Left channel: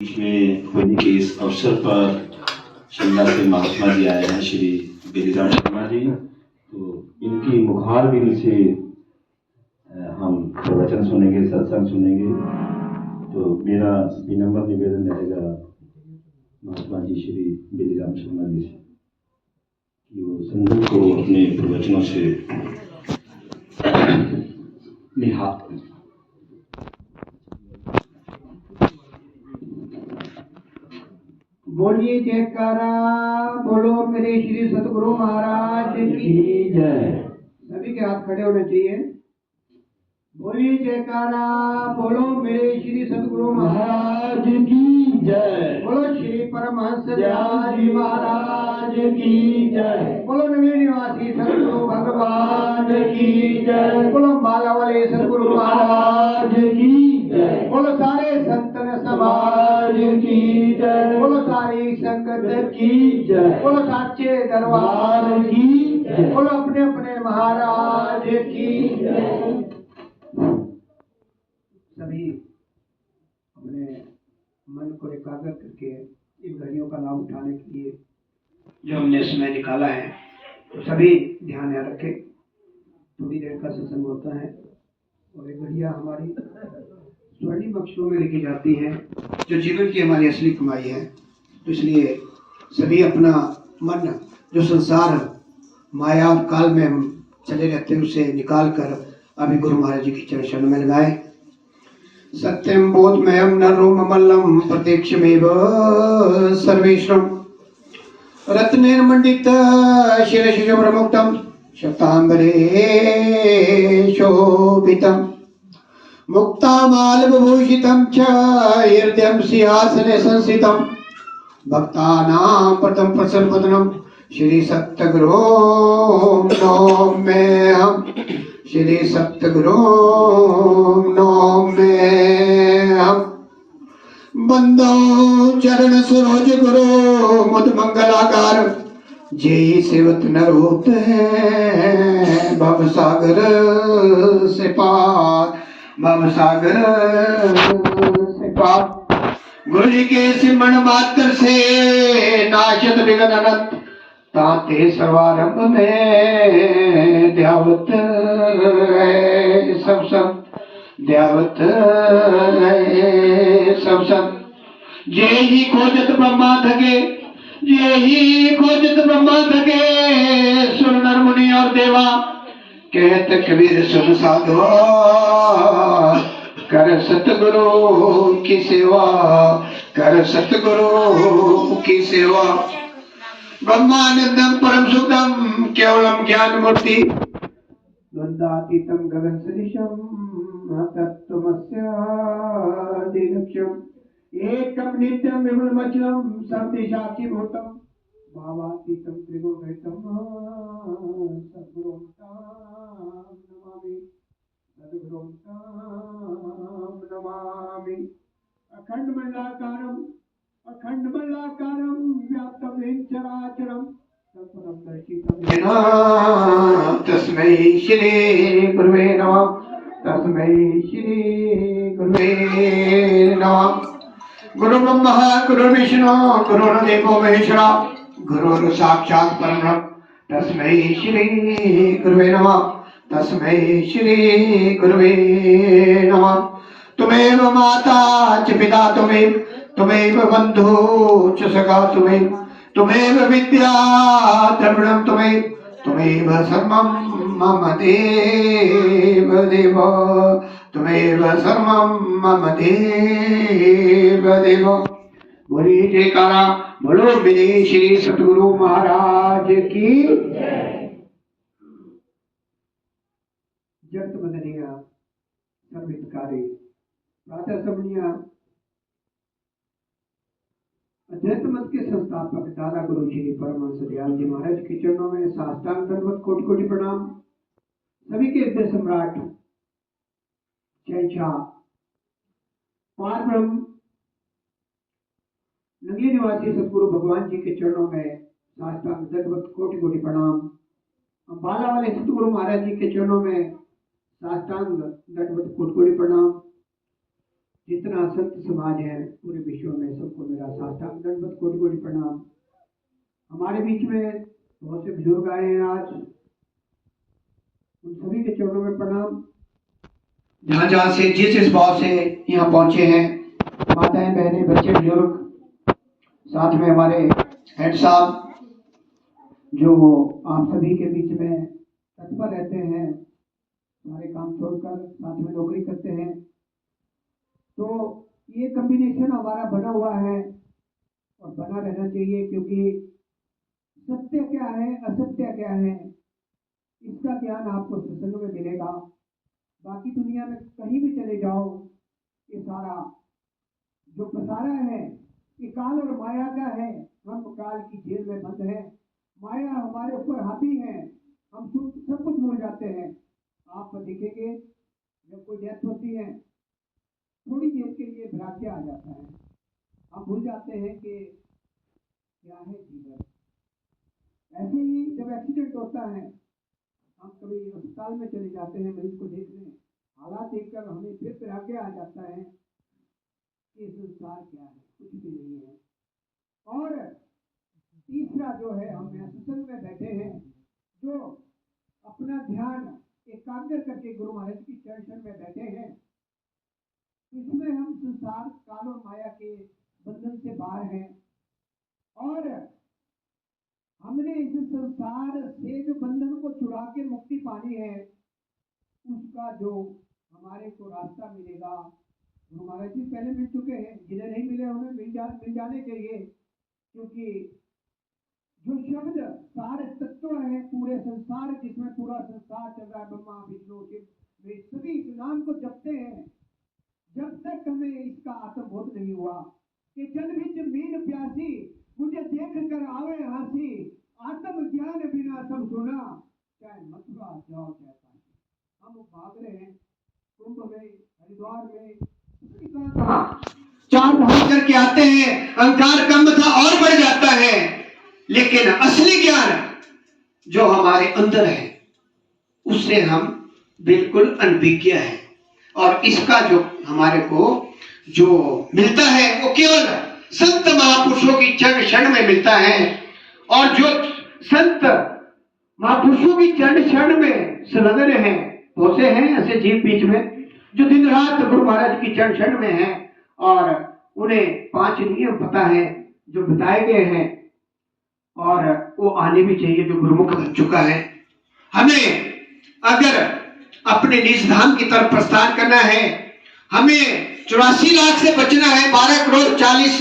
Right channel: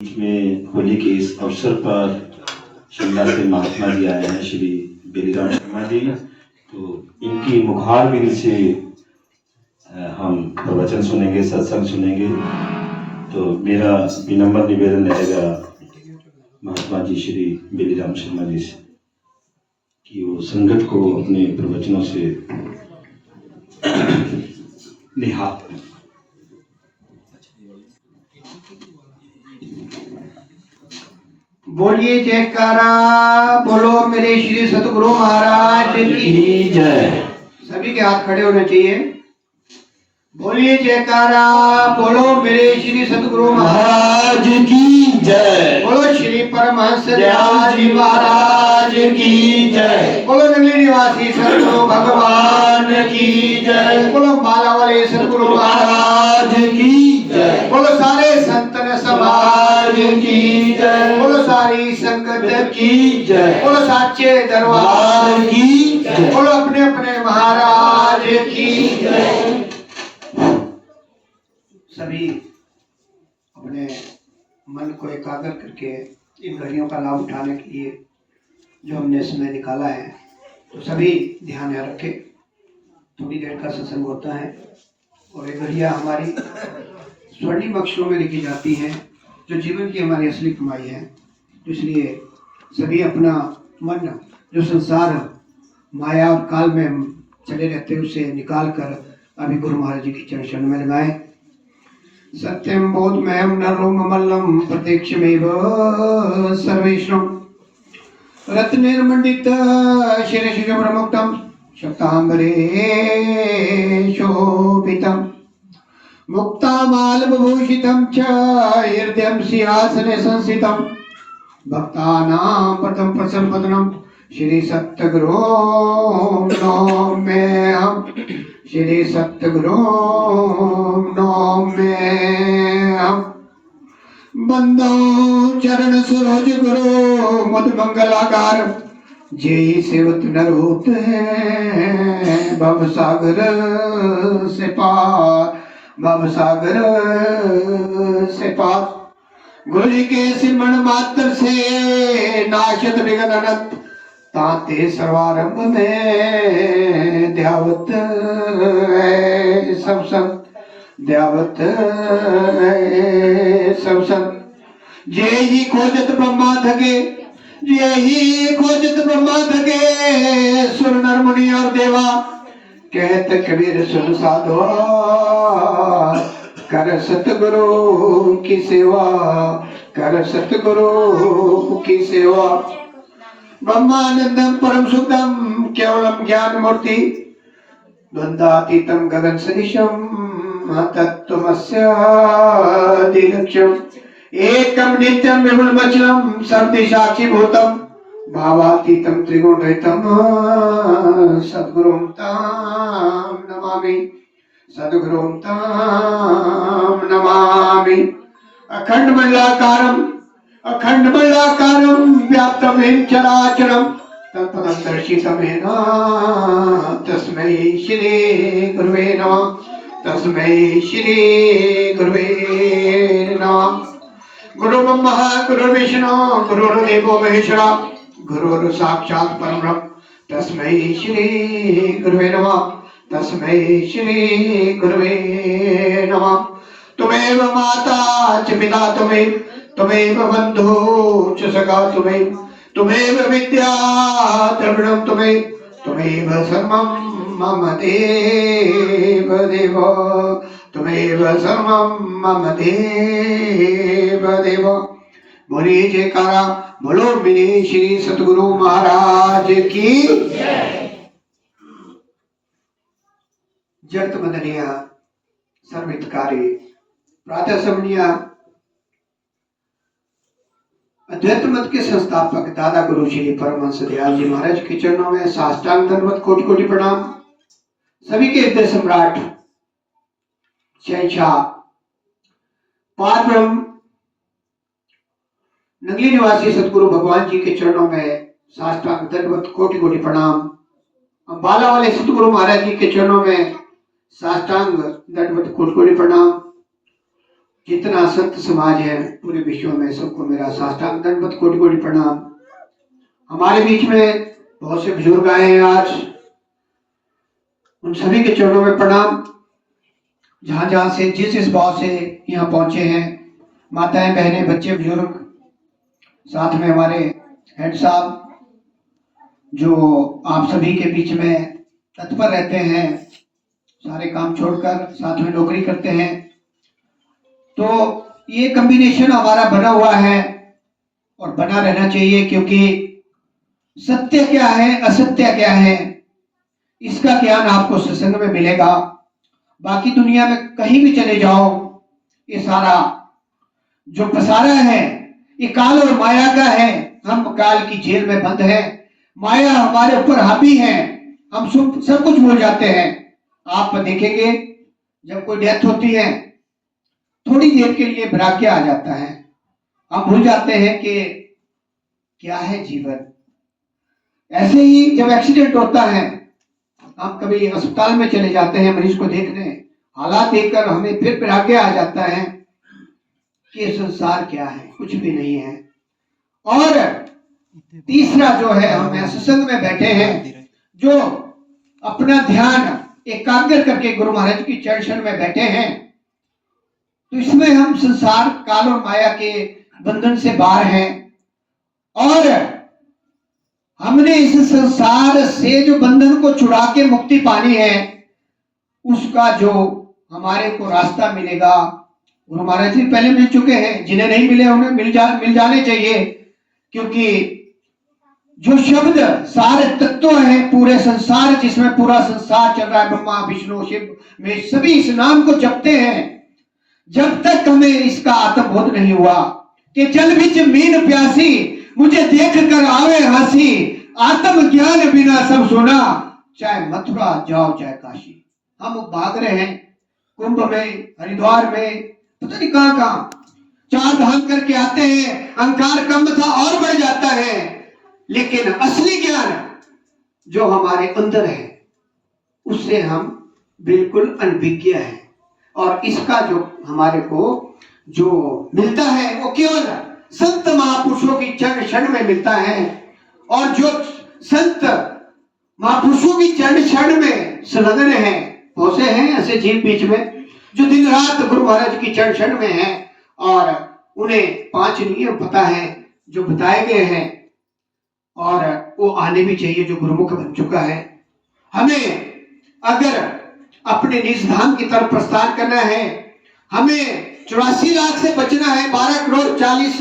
बीच में होली के इस अवसर पर शिमला से महात्मा जी आए हैं, श्री बेलीराम शर्मा जी। तो इनकी मुखार बिंद से हम प्रवचन सुनेंगे, सत्संग सुनेंगे। तो मेरा विनम्र निवेदन रहेगा महात्मा जी श्री बेलीराम शर्मा जी से कि वो संगत को अपने प्रवचनों से निहार। बोलिए जयकारा, बोलो मेरे श्री सतगुरु महाराज की जय। सभी के हाथ खड़े होने चाहिए। बोलिए जयकारा, बोलो मेरे श्री सतगुरु महाराज की जय। बोलो श्री परमहंस दयाल जी महाराज की जय। बोलो नगली निवासी सतगुरु भगवान की जय। बोलो माला वाले सतगुरु महाराज की जय। बोलो सारे संतन समाज की जय। बोलो सारी संगत की जय। बोलो साचे दरबार की जय। बोलो अपने अपने महाराज की जय। सभी अपने मन को एकाग्र करके इन घड़ियों का लाभ उठाने के लिए जो हमने समय निकाला है, तो सभी ध्यान में रखें। थोड़ी देर का सत्संग होता है और ये घड़ियाँ हमारी स्वर्णिम अक्षरों में लिखी जाती हैं, जो जीवन की हमारी असली कमाई है। तो इसलिए सभी अपना मन, जो संसार माया और काल में हम चले रहते हैं, उसे निकाल कर अभी गुरु महाराज जी की चरण में लगाएं। सत्यम बोधमयम नरोममल्लम प्रत्यक्षमेव सर्वेश्वरम रत्नेर्मण्डित शिरशिशुभ्रमुक्तं शक्तांबरे शोभितं मुक्तामालविभूषितं च हृदयं सिंहासने संस्थितं भक्तानां प्रथम प्रसन्नवदनं श्री सतगुरु नौम्यहम्। श्री सतगुरु नौम्यहम्। बंदो चरण सरोज गुरु मुद मंगलाकार, जेहि सेवत नर होत है भव सागर से पार। भव सागर से पार। गुरु जी के सिमरण मात्र से नाशत विघ्न अनंत, ताते सर्वारंभ में ध्यावत सब संत। ध्यावत सब संत। जे ही खोजत ब्रह्मा थके, जे ही खोजत ब्रह्मा थके, सुर नर मुनि और देवा। कहत कबीर सुन साधो, कर सतगुरु की सेवा। कर सतगुरु की सेवा। ब्रह्मानंदम परम सुखदम केवलम ज्ञान मूर्ति, द्वंद्वातीतम गगन सदृशम तत्त्वमस्य दिलक्ष्यम। एकम नित्यम विपुलमचलम सर्वदिशाक्षी भूतम, भावातीतम त्रिगुणरहितम सद्गुरुं तां नमामि। सद्गुरुं तां नमामि। अखंड मंडलाकारम अखंड मंडलाकारं व्याप्तं येन चराचरं तत्पदं दर्शितं येन तस्मै श्री गुरुवे नमः। तस्मै श्री गुरुवे नमः। गुरु ब्रह्मा गुरु विष्णु गुरुर्देवो महेश्वरा, गुरुर् साक्षात् परब्रह्म तस्मै श्री गुरुवे नमः। तस्मै श्री गुरुवे नमः। तुमेव माता च पिता तुमेव बंधु च सखा तुमेव विद्या द्रविणं तुमेव सर्वं मम देव देव। तुमेव सर्वं मम देव देव। बोलिए जयकारा, बोलो मेरे श्री सतगुरु महाराज की जगत बंदनिया सर्वहितकारी प्रातः समनिया अद्वैत मत के संस्थापक दादा गुरु श्री परमहंस दयाल जी महाराज के चरणों में साष्टांग दंडवत कोटि कोटि प्रणाम। सभी के हृदय सम्राट शहंशाह पार ब्रह्म नगली निवासी सतगुरु भगवान जी के चरणों में साष्टांग दंडवत कोटि कोटि प्रणाम। अम्बाला वाले सतगुरु महाराज जी के चरणों में साष्टांग दंडवत कोटि कोटि प्रणाम। जितना संत समाज है पूरे विश्व में, सबको मेरा साष्टांग दंडवत कोटि कोटि प्रणाम। हमारे बीच में बहुत से बुजुर्ग आए हैं आज, उन सभी के चरणों में प्रणाम। जहां जहां से जिस भाव से यहाँ पहुंचे हैं, माताएं, बहनें, बच्चे, बुजुर्ग, साथ में हमारे हेड साहब जो आप सभी के बीच में तत्पर रहते हैं, सारे काम छोड़कर साथ में नौकरी करते हैं। तो ये कॉम्बिनेशन हमारा बना हुआ है और बना रहना चाहिए, क्योंकि सत्य क्या है, असत्य क्या है, इसका ज्ञान आपको सत्संग में मिलेगा। बाकी दुनिया में कहीं भी चले जाओ, ये सारा जो पसारा है ये काल और माया का है। हम काल की जेल में बंद हैं, माया हमारे ऊपर हावी है, हम सब कुछ भूल जाते हैं। आप देखेंगे जब कोई डेथ होती है, थोड़ी देर के लिए वैराग्य आ जाता है, हम भूल जाते हैं कि क्या है जीवन। ऐसे ही जब एक्सीडेंट होता है, हम कभी अस्पताल में चले जाते हैं मरीज को देखने, हालात देखकर हमें फिर वैराग्य आ जाता है कि संसार क्या है, कुछ भी नहीं है। और तीसरा जो है, हम सत्संग में बैठे हैं, जो अपना ध्यान एकाग्र करके गुरु महाराज की चरण में बैठे हैं, तो इसमें हम संसार काल और माया के बंधन से बाहर हैं। और हमने इस संसार से जो बंधन को छुड़ा के मुक्ति पानी है, उसका जो हमारे को रास्ता मिलेगा, गुरु महाराज जी पहले मिल चुके हैं, जिन्हें नहीं मिले उन्हें मिल जाने चाहिए। क्योंकि जो शब्द सारे तत्व है पूरे संसार, जिसमें पूरा संसार चल रहा है, ब्रह्मा विष्णु शिव में सभी इस नाम को जपते हैं। जब तक हमें इसका आत्मबोध नहीं हुआ कि जल बिच मीन प्यासी, मुझे देख कर आवे हंसी, आत्म ज्ञान बिना सब सुना, चाहे मथुरा जाओ चाहे काशी। हम भाग रहे हैं कुंभ में, हरिद्वार में, पता नहीं कहां कहां, चार धाम करके आते हैं, अहंकार कम था और बढ़ जाता है। लेकिन असली ज्ञान जो हमारे अंदर है, उससे हम बिल्कुल अनभिज्ञ हैं। और इसका जो हमारे को जो मिलता है वो केवल संत महापुरुषों की चरण क्षण में मिलता है। और जो संत महापुरुषों की चरण क्षण में संलग्न है, बहुत से हैं ऐसे जीव बीच में जो दिन रात गुरु महाराज की चरण क्षण में हैं, और उन्हें 5 नियम पता है जो बताए गए हैं, और वो आने भी चाहिए जो गुरुमुख बन चुका है। हमें अगर अपने निज धाम की तरफ प्रस्थान करना है, हमें 84 लाख से बचना है, 12 करोड़ 40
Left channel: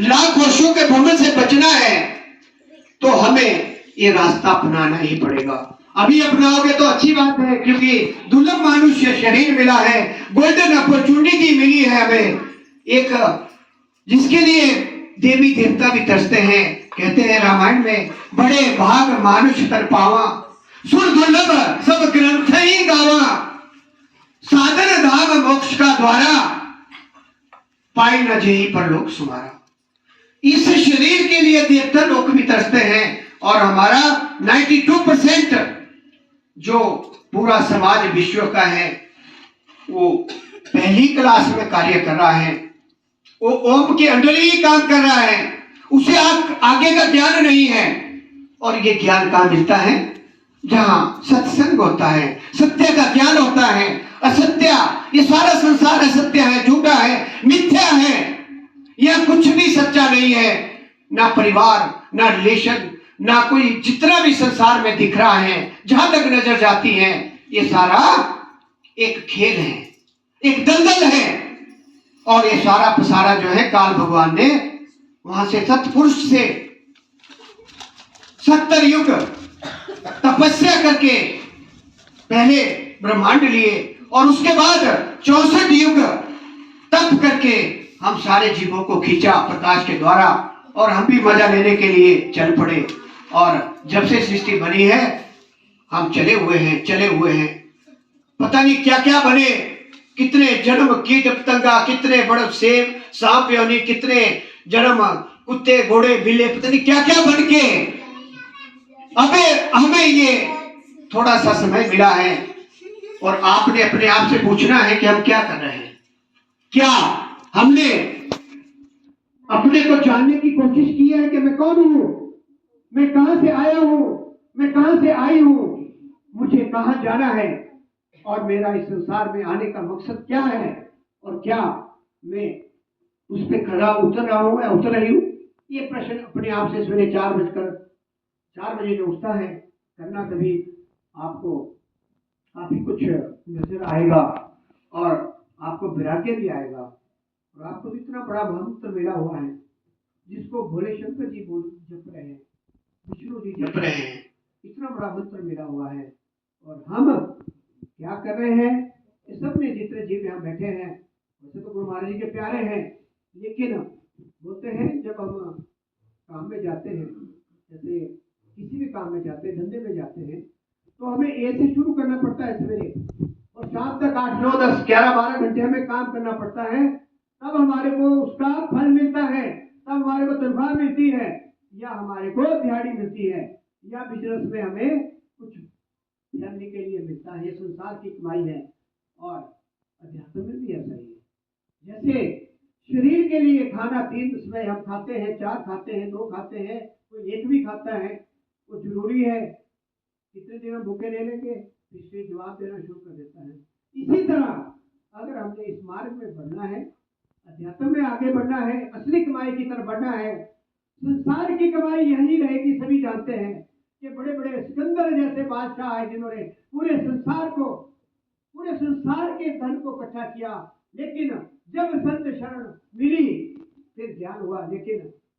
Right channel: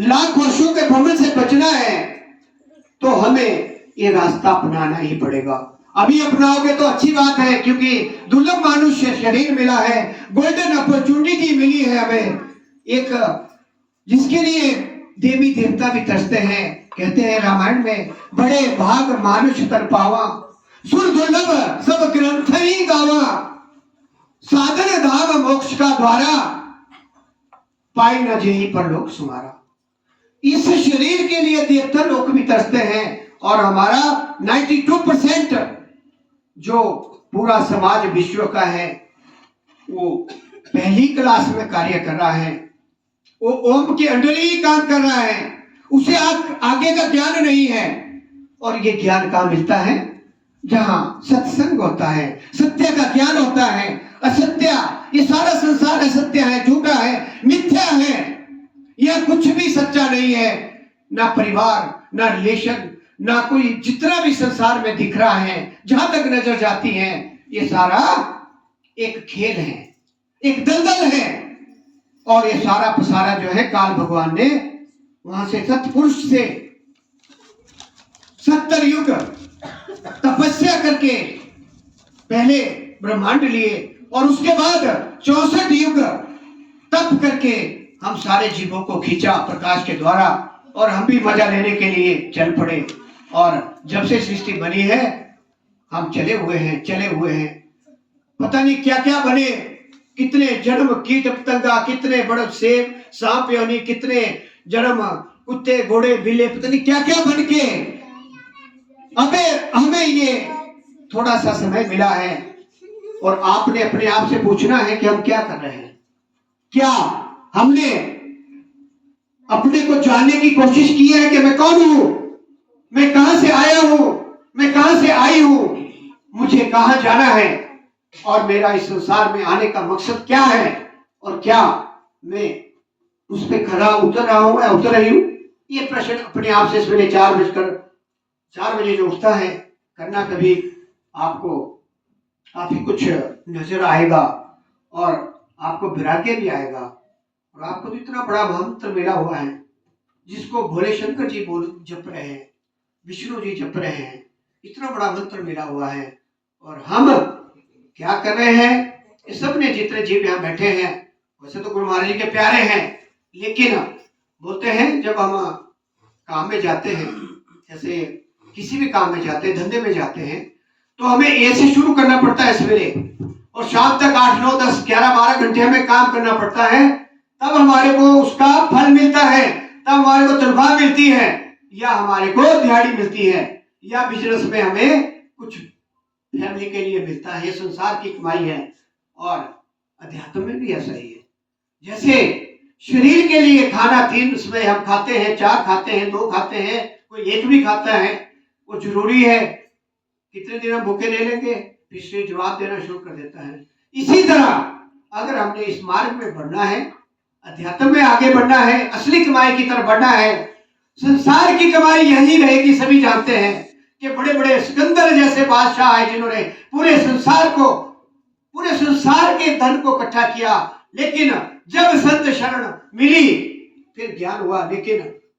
लाख वर्षों के भ्रमण से बचना है, तो हमें ये रास्ता अपनाना ही पड़ेगा। अभी अपनाओगे तो अच्छी बात है, क्योंकि दुर्लभ मनुष्य शरीर मिला है, गोल्डन अपॉर्चुनिटी मिली है हमें, एक जिसके लिए देवी देवता भी तरसते हैं। कहते हैं रामायण में, बड़े भाग मानुष तर पावा, सुर दुर्लभ सब ग्रंथ ही गावा, साधन धाम मोक्ष का द्वारा, पाई न जेहि परलोक सुमारा। इस शरीर के लिए देवता लोग भी तरसते हैं, और हमारा 92% जो पूरा समाज विश्व का है, वो पहली क्लास में कार्य कर रहा है, वो ओम के अंडर ही काम कर रहा है, उसे आगे का ज्ञान नहीं है। और ये ज्ञान कहाँ मिलता है? जहां सत्संग होता है, सत्य का ज्ञान होता है। असत्य, ये सारा संसार असत्य है, झूठा है, मिथ्या है, यह कुछ भी सच्चा नहीं है। ना परिवार, ना रिलेशन, ना कोई, जितना भी संसार में दिख रहा है, जहां तक नजर जाती है, ये सारा एक खेल है, एक दलदल है। और ये सारा पसारा जो है, काल भगवान ने वहां से सतपुरुष से 70 युग तपस्या करके पहले ब्रह्मांड लिए, और उसके बाद 64 युग तप करके हम सारे जीवों को खींचा प्रकाश के द्वारा, और हम भी मजा लेने के लिए चल पड़े। और जब से सृष्टि बनी है, हम चले हुए हैं, पता नहीं क्या क्या बने, कितने जन्म, कीट पतंगा, कितने बड़े सेब, सांप योनि, कितने जन्म, कुत्ते, घोड़े, बिल्ले, पता नहीं क्या क्या बन के। अबे हमें ये थोड़ा सा समय मिला है, और आपने अपने आप से पूछना है कि हम क्या कर रहे हैं, क्या हमने अपने को जानने की कोशिश की है कि मैं कौन हूं, मैं कहां से आया हूं, मैं कहां से आई हूं, मुझे कहां जाना है और मेरा इस संसार में आने का मकसद क्या है, और क्या मैं उस पर खरा उतर रहा हूं या उतर रही हूं। ये प्रश्न अपने आप से सवेरे 4 बजे जो उठता है करना, कभी आपको काफी कुछ नजर आएगा और आपको वैराग्य भी आएगा। और आपको तो इतना बड़ा मंत्र मिला हुआ है जिसको भोले शंकर जी जप रहे हैं, विष्णु जी जप रहे हैं, इतना बड़ा मंत्र मिला हुआ है। और हम क्या कर रहे हैं, ये सब ने जितने जीव यहाँ बैठे हैं, वैसे तो गुरु महाराज जी के प्यारे हैं, लेकिन बोलते हैं जब हम काम में जाते हैं, जैसे किसी भी काम में जाते हैं, धंधे में जाते हैं, तो हमें ए से शुरू करना पड़ता है सवेरे, और शाम तक 8, 9, 10, 11, 12 घंटे हमें काम करना पड़ता है, तब हमारे को उसका फल मिलता है, तब हमारे को तनख्वाह मिलती है, या हमारे को दिहाड़ी मिलती है, या बिजनेस में हमें कुछ फैमिली के लिए मिलता है। ये संसार की कमाई है। और अध्यात्म में भी ऐसा ही है। जैसे शरीर के लिए खाना 3 समय हम खाते हैं, 4 खाते हैं, 2 खाते हैं, कोई 1 भी खाता है, वो जरूरी है। कितने दिन हम भूखे रह लेंगे, फिर शरीर जवाब देना शुरू कर देता है। इसी तरह अगर हमने इस मार्ग में बढ़ना है, अध्यात्म में आगे बढ़ना है, असली कमाई की तरफ बढ़ना है, संसार की कमाई यही रहेगी। सभी जानते हैं कि बड़े बड़े सिकंदर जैसे बादशाह आए जिन्होंने पूरे संसार के धन को इकट्ठा किया, लेकिन जब संत शरण मिली फिर ज्ञान हुआ। लेकिन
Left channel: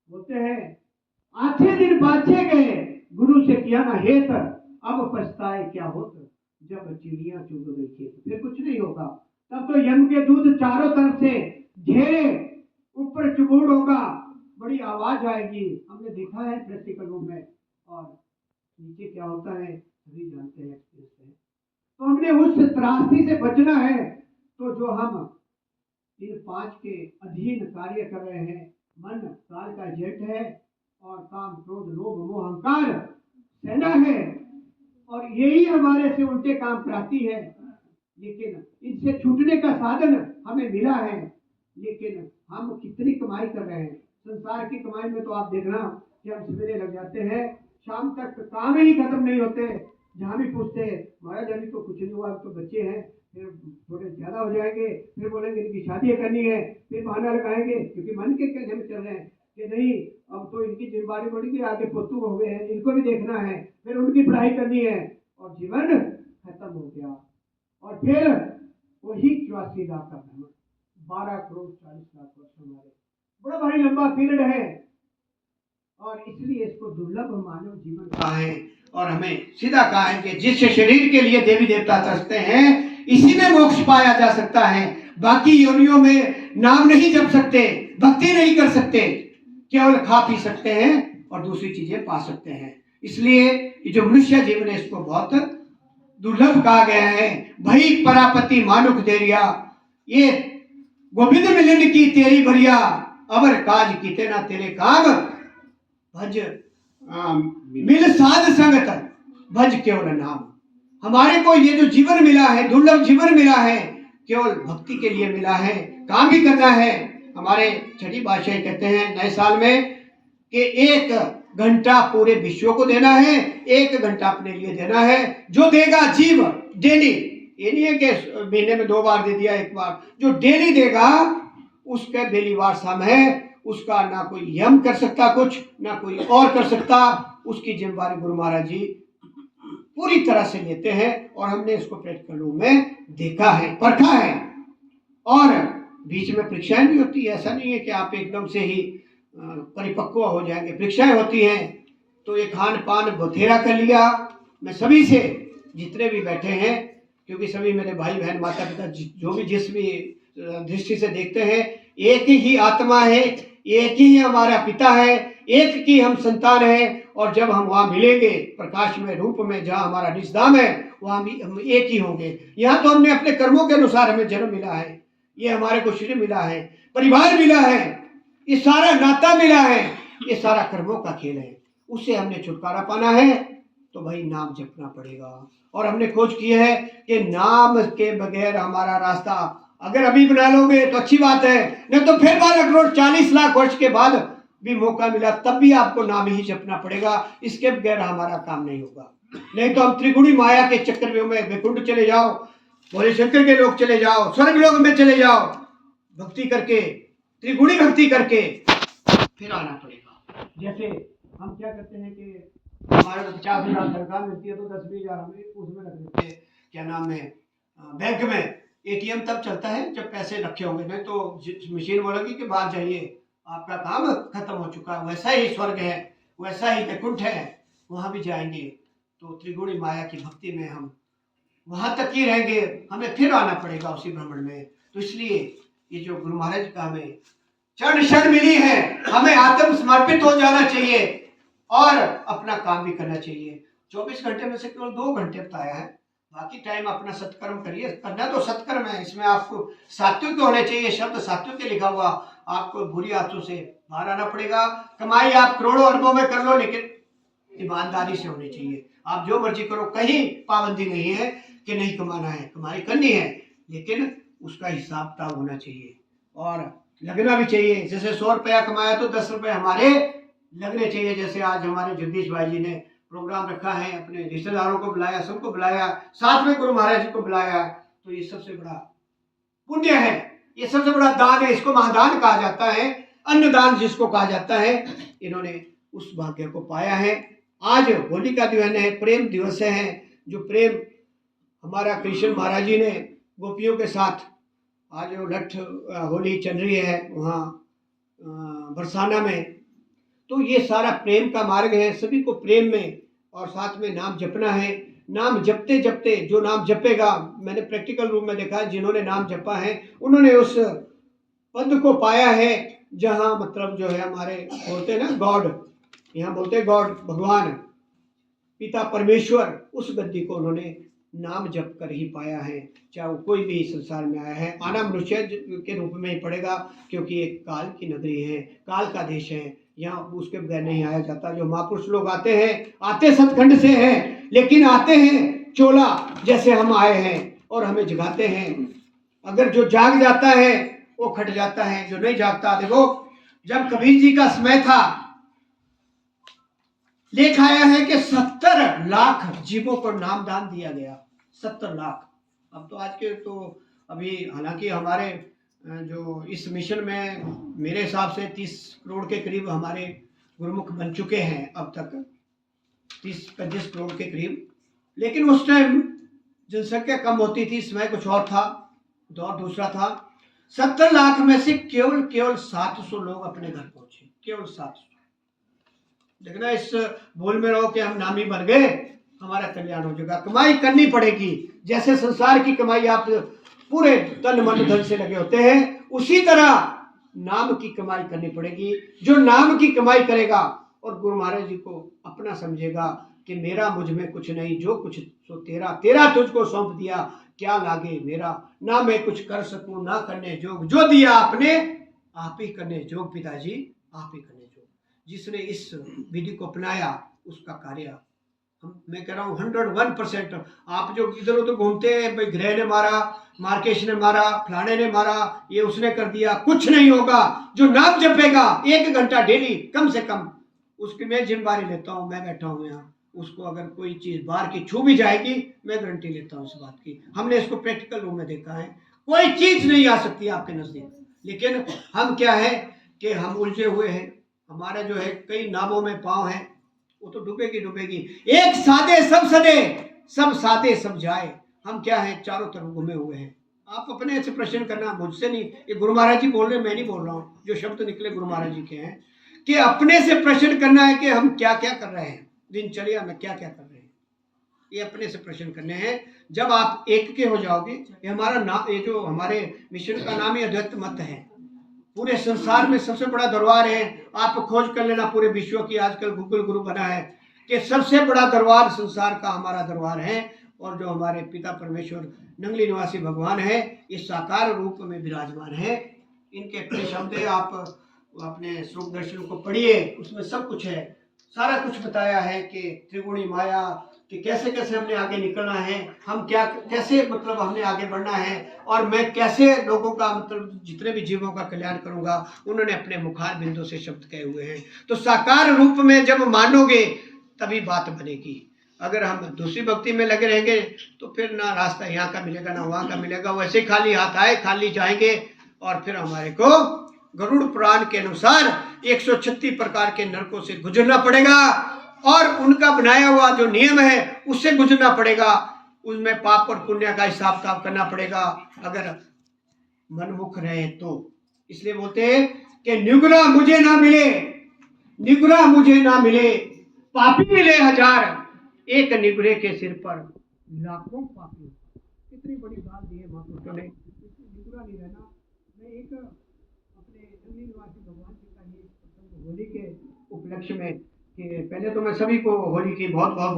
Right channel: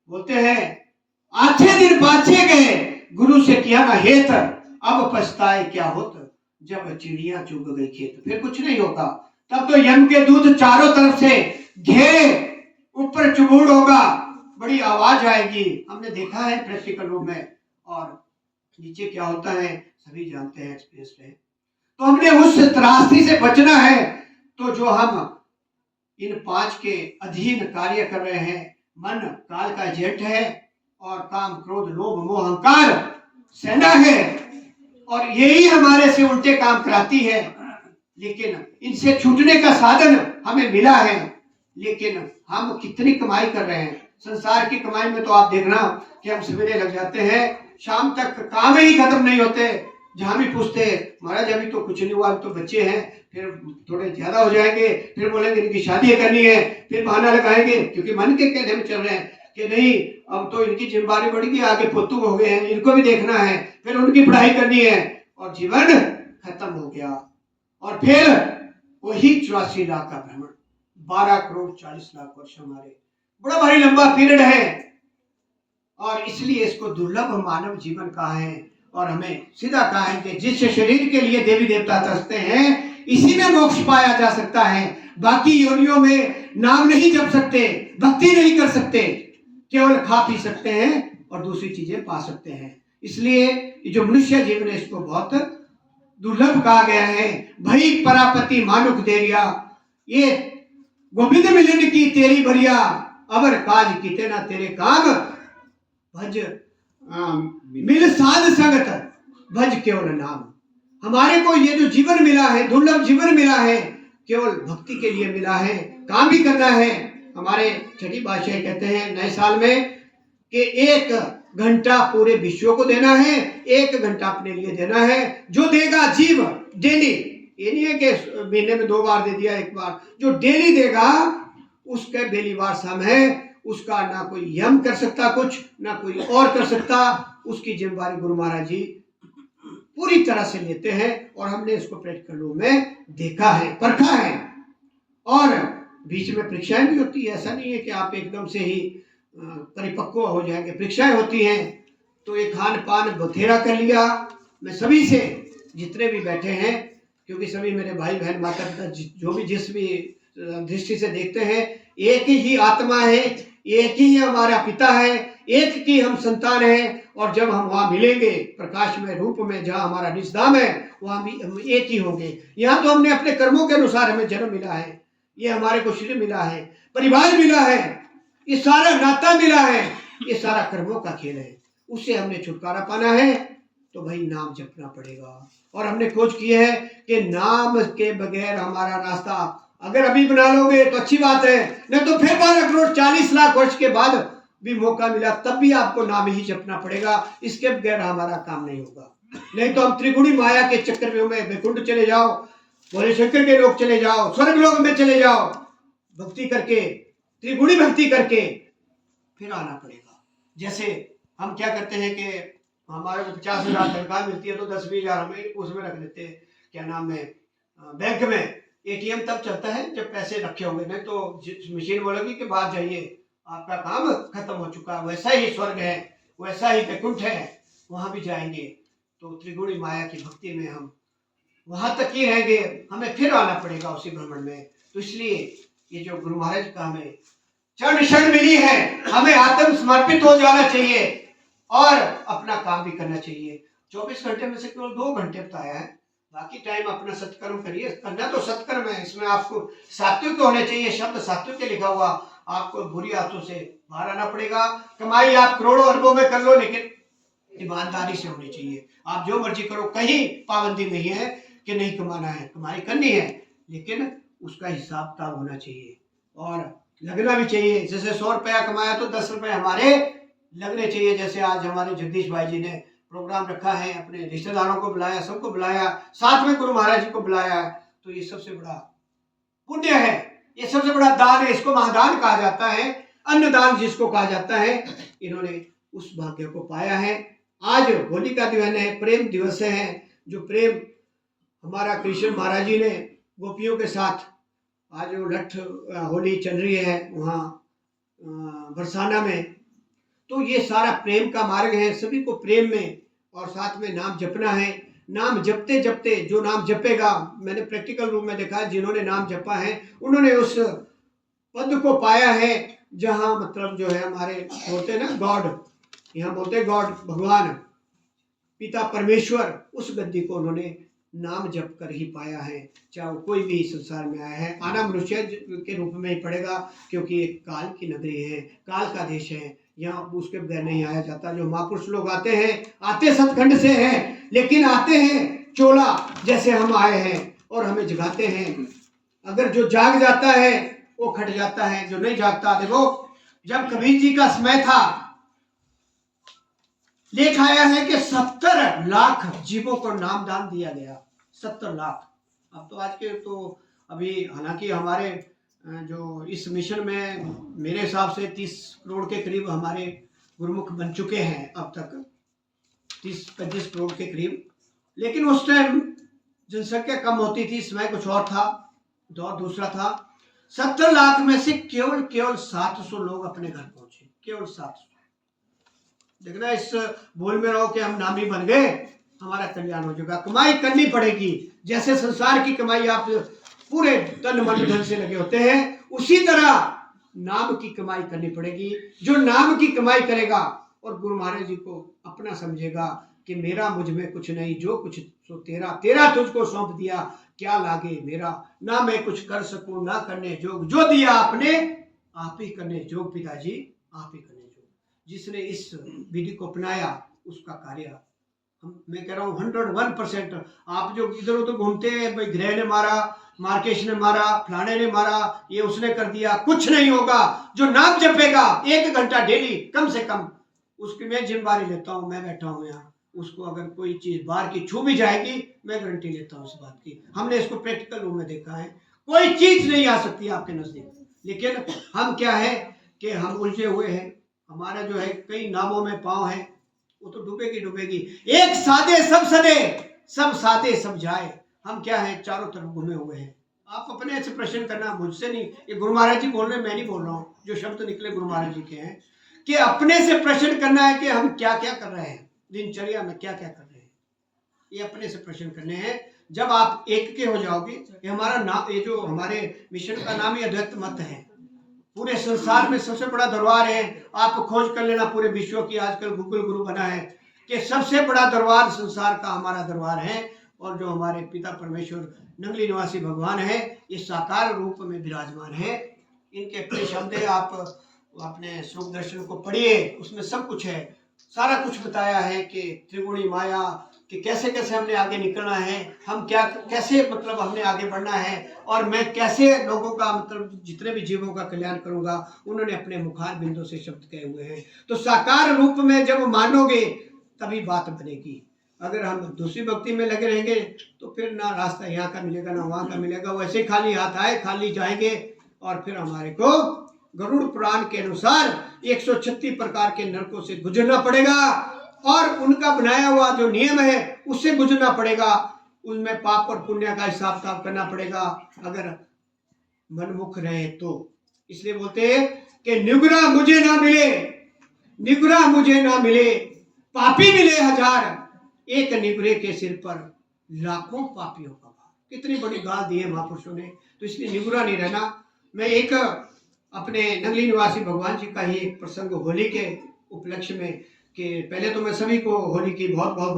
बोलते हैं आछे दिन पाछे गए, गुरु से किया ना हेत, अब पछताए क्या होत, जब चिड़िया चुग गई खेत। फिर कुछ नहीं होगा, तब तो यम के दूत चारों तरफ से घेरे, ऊपर चुबूड़ होगा, बड़ी आवाज आएगी। हमने देखा है प्रैक्टिकल रूप में, और नीचे क्या होता है सभी जानते हैं एक्सपीरियंस में। तो हमने उस त्रासदी से बचना है। तो जो हम इन 5 के अधीन कार्य कर रहे हैं, मन काल का एजेंट है, और काम, क्रोध, लोभ, मोह, अहंकार सेना है, और यही हमारे से उल्टे काम कराती है। लेकिन इनसे छूटने का साधन हमें मिला है, लेकिन हम कितनी कमाई कर रहे हैं। संसार की कमाई में तो आप देखना कि हम सवेरे लग जाते हैं, शाम तक काम ही खत्म नहीं होते। जहां भी पूछते महाराज अभी तो कुछ नहीं हुआ, तो बच्चे हैं, फिर थोड़े ज्यादा हो जाएंगे, फिर बोलेंगे इनकी शादी करनी है, फिर बहाना लगाएंगे, क्योंकि मन के कहने में चल रहे हैं कि नहीं अब तो इनकी जिम्मेदारी बढ़ गई, आगे पोतू हो गए हैं, इनको भी देखना है, फिर उनकी पढ़ाई करनी है, और जीवन खत्म हो गया। और फिर वही 84 लाख का भ्रमण, 12 करोड़ 40 लाख वर्ष, हमारे बड़ा भारी लंबा पीरियड है। और इसलिए इसको दुर्लभ मानव जीवन कहा है। और हमें सीधा कहा है कि जिस शरीर के लिए देवी देवता तरसते हैं, इसी में मोक्ष पाया जा सकता है। बाकी योनियों में नाम नहीं जप सकते, भक्ति नहीं कर सकते, केवल खा पी सकते हैं और दूसरी चीजें पा सकते हैं। इसलिए ये जो मनुष्य जीवन है, इसको बहुत दुर्लभ कहा गया है। भई परापति मानुख देरिया, ये गोविंद मिलन की तेरी बरिया, अवर काज कीते ना तेरे काम, भज मिल साध संगत, भज केवल नाम। हमारे को ये जो जीवन मिला है, दुर्लभ जीवन मिला है, केवल भक्ति के लिए मिला है। काम भी करना है। हमारे छठी बादशाह कहते हैं नए साल में कि 1 घंटा पूरे विश्व को देना है, 1 घंटा अपने लिए देना है। जो देगा जीव डेली, ये नहीं है कि महीने में 2 बार दे दिया, 1 बार, जो डेली देगा उसका बेलीवार सम है। उसका ना कोई यम कर सकता कुछ, ना कोई और कर सकता। उसकी जिम्मेदारी गुरु महाराज जी पूरी तरह से लेते हैं, और हमने इसको प्रैक्टिकल रूप में देखा है, परखा है। और बीच में परीक्षाएं भी होती है, ऐसा नहीं है कि आप एकदम से ही परिपक्व हो जाएंगे। परीक्षाएं होती हैं। तो ये खान पान बथेरा कर लिया। मैं सभी से, जितने भी बैठे हैं, क्योंकि सभी मेरे भाई बहन माता पिता जो भी जिस भी दृष्टि से देखते हैं, एक ही आत्मा है, एक ही हमारा पिता है, एक की हम संतान है। और जब हम वहां मिलेंगे प्रकाश में, रूप में, जहां हमारा निजधाम है, वहां भी हम एक ही होंगे। यहाँ तो हमने अपने कर्मों के अनुसार हमें जन्म मिला है, ये हमारे को शरीर मिला है, परिवार मिला है, ये सारा नाता मिला है, ये सारा कर्मों का खेल है। उससे हमने छुटकारा पाना है, तो भाई नाम जपना पड़ेगा। और हमने खोज की है कि नाम के बगैर हमारा रास्ता अगर अभी बना लोगे तो अच्छी बात है, नहीं तो फिर 12 करोड़ 40 लाख वर्ष के बाद भी मौका मिला तब भी आपको नाम ही जपना पड़ेगा। इसके बगैर हमारा काम नहीं होगा। नहीं तो हम त्रिगुणी माया के चक्कर में वैकुंठ चले जाओ, भोले शंकर के लोग चले जाओ, स्वर्ग लोक में चले जाओ, भक्ति करके, त्रिगुणी भक्ति करके फिर आना पड़ेगा। जैसे हम क्या करते हैं कि हमारे को 50,000 तनख्वाह मिलती है तो 10-20,000 हमें उसमें रख देते हैं, क्या नाम है, बैंक में। एटीएम तब चलता है जब पैसे रखे होंगे, नहीं तो मशीन बोलेगी कि बाहर जाइए, आपका काम खत्म हो चुका। वैसा ही स्वर्ग है, वैसा ही वैकुंठ है, वहां भी जाएंगे तो त्रिगुणी माया की भक्ति में हम वहां तक ही रहेंगे, हमें फिर आना पड़ेगा उसी भ्रमण में। तो इसलिए ये जो गुरु महाराज का हमें चरण शरण मिली है, हमें आत्म समर्पित हो जाना चाहिए और अपना काम भी करना चाहिए। 24 घंटे में से केवल 2 घंटे बताया है, बाकी टाइम अपना सत्कर्म करिए। करना तो सत्कर्म है, इसमें आपको सात्विक होने चाहिए, शब्द सात्विक के लिखा हुआ। आपको बुरी आदतों से बाहर आना पड़ेगा। कमाई आप करोड़ों अरबों में कर लो, लेकिन ईमानदारी से होनी चाहिए। आप जो मर्जी करो, कहीं पाबंदी नहीं है कि नहीं कमाना है, कमाई करनी है, लेकिन उसका हिसाब किताब होना चाहिए और लगना भी चाहिए। जैसे 100 रुपया कमाया तो 10 रुपये हमारे लगने चाहिए। जैसे आज हमारे जगदीश भाई जी ने प्रोग्राम रखा है, अपने रिश्तेदारों को बुलाया, सबको बुलाया, साथ में गुरु महाराज जी को बुलाया, तो ये सबसे बड़ा पुण्य है, ये सबसे बड़ा दान है। इसको महादान कहा जाता है, अन्नदान जिसको कहा जाता है। इन्होंने उस भाग्य को पाया है। आज होली का दिन है, प्रेम दिवस है। जो प्रेम हमारा कृष्ण महाराज जी ने गोपियों के साथ आज जो लठ होली चल रही है वहाँ बरसाना में, तो ये सारा प्रेम का मार्ग है। सभी को प्रेम में और साथ में नाम जपना है। नाम जपते जपते जो नाम जपेगा, मैंने प्रैक्टिकल रूप में देखा है, जिन्होंने नाम जपा है उन्होंने उस पद को पाया है जहाँ मतलब जो है हमारे बोलते हैं ना गॉड, यहाँ बोलते हैं गॉड, भगवान पिता परमेश्वर, उस गद्दी को उन्होंने नाम जप कर ही पाया है। चाहे वो कोई भी संसार में आया है, आना मनुष्य के रूप में ही पड़ेगा, क्योंकि एक काल की नगरी है, काल का देश है, यहाँ उसके बगैर नहीं आया जाता। जो महापुरुष लोग आते हैं, आते सतखंड से हैं, लेकिन आते हैं चोला जैसे हम आए हैं और हमें जगाते हैं। अगर जो जाग जाता है वो खट जाता है, जो नहीं जागता। देखो जब कबीर जी का समय था, लिखा आया है कि 70 लाख जीवों को नामदान दिया गया। 70 लाख। अब तो आज के तो अभी हालांकि हमारे जो इस मिशन में मेरे हिसाब से 30 करोड़ के करीब हमारे गुरुमुख बन चुके हैं अब तक, 30-35 करोड़ के करीब। लेकिन उस टाइम जनसंख्या कम होती थी, समय कुछ और था, दौर दूसरा था। 70 लाख में से केवल 700 लोग अपने घर पहुंचे, केवल 700। देखना, इस भूल में रहो कि हम नामी बन गए, हमारा कल्याण हो जाएगा। कमाई करनी पड़ेगी। जैसे संसार की कमाई आप पूरे तन मन धन से लगे होते हैं, उसी तरह नाम की कमाई करनी पड़ेगी। जो नाम की कमाई करेगा और गुरु महाराज जी को अपना समझेगा कि मेरा मुझ में कुछ नहीं, जो कुछ सो तेरा, तेरा तुझको सौंप दिया, क्या लागे मेरा। ना मैं कुछ कर सकूं, ना करने जोग, जो दिया आपने आप ही करने जोग, पिताजी आप ही करने जोग। जिसने इस विधि को अपनाया उसका कार्य मैं कह रहा हूँ 101%। आप जो इधर उधर घूमते हैं, भाई ग्रह ने मारा, मार्केश ने मारा, फलाने ने मारा, ये उसने कर दिया, कुछ नहीं होगा। जो नाम जपेगा 1 घंटा डेली कम से कम, उसकी मैं जिम्मेदारी लेता हूँ, मैं बैठा हूँ यहाँ, उसको अगर कोई चीज बाहर की छू भी जाएगी, मैं गारंटी लेता हूँ इस बात की। हमने इसको प्रैक्टिकल रूप में देखा है, कोई चीज नहीं आ सकती आपके नजदीक। लेकिन हम क्या है कि हम उलझे हुए हैं, हमारा जो है कई नामों में पाँव है, वो तो डूबेगी डूबेगी। एक सादे सब सदे, सब सादे सब जाए। हम क्या है, चारों तरफ घूमे हुए हैं। आप अपने से प्रश्न करना, मुझसे नहीं, ये गुरु महाराज जी बोल रहे हैं, मैं नहीं बोल रहा हूँ। जो शब्द निकले गुरु महाराज जी के हैं कि अपने से प्रश्न करना है कि हम क्या क्या कर रहे हैं, दिनचर्या में क्या क्या कर रहे हैं, ये अपने से प्रश्न करने हैं। जब आप एक के हो जाओगे, ये हमारा नाम, ये जो हमारे मिशन का नाम ही अद्वैत मत है। पूरे संसार में सबसे बड़ा दरबार है। आप खोज कर लेना पूरे विश्व की, आजकल गूगल गुरु बना है कि सबसे बड़ा दरबार संसार का हमारा दरबार है। और जो हमारे पिता परमेश्वर नंगली निवासी भगवान है, इस साकार रूप में विराजमान है। इनके अपने शब्द है, आप अपने स्वरूप दर्शन को पढ़िए, उसमें सब कुछ है, सारा कुछ बताया है कि त्रिगुणी माया, कि कैसे कैसे हमने आगे निकलना है, हम क्या कैसे मतलब हमने आगे बढ़ना है, और मैं कैसे लोगों का मतलब जितने भी जीवों का कल्याण करूंगा। उन्होंने अपने मुखार बिंदु से शब्द कहे हुए हैं। तो साकार रूप में जब मानोगे तभी बात बनेगी। अगर हम दूसरी भक्ति में लगे रहेंगे तो फिर ना रास्ता यहाँ का मिलेगा ना वहाँ का मिलेगा, वैसे खाली हाथ आए खाली जाएंगे। और फिर हमारे को गरुड़ पुराण के अनुसार 136 प्रकार के नरकों से गुजरना पड़ेगा, और उनका बनाया हुआ जो नियम है उससे गुजरना पड़ेगा। उनमें पाप और पुण्य का हिसाब किताब करना पड़ेगा अगर मनमुख रहे तो। इसलिए बोलते हैं कि निगुरा मुझे ना मिले, निगुरा मुझे ना मिले, पापी मिले हजार, एक निगुरे के सिर पर लाखों पापियों का भार। कितनी बड़ी गाल दी है महापुरुषों ने। तो इसलिए निगुरा नहीं रहना। मैं एक अपने नगली निवासी भगवान जी का ही एक प्रसंग होली के उपलक्ष्य में, कि पहले तो मैं सभी को होली की बहुत बहुत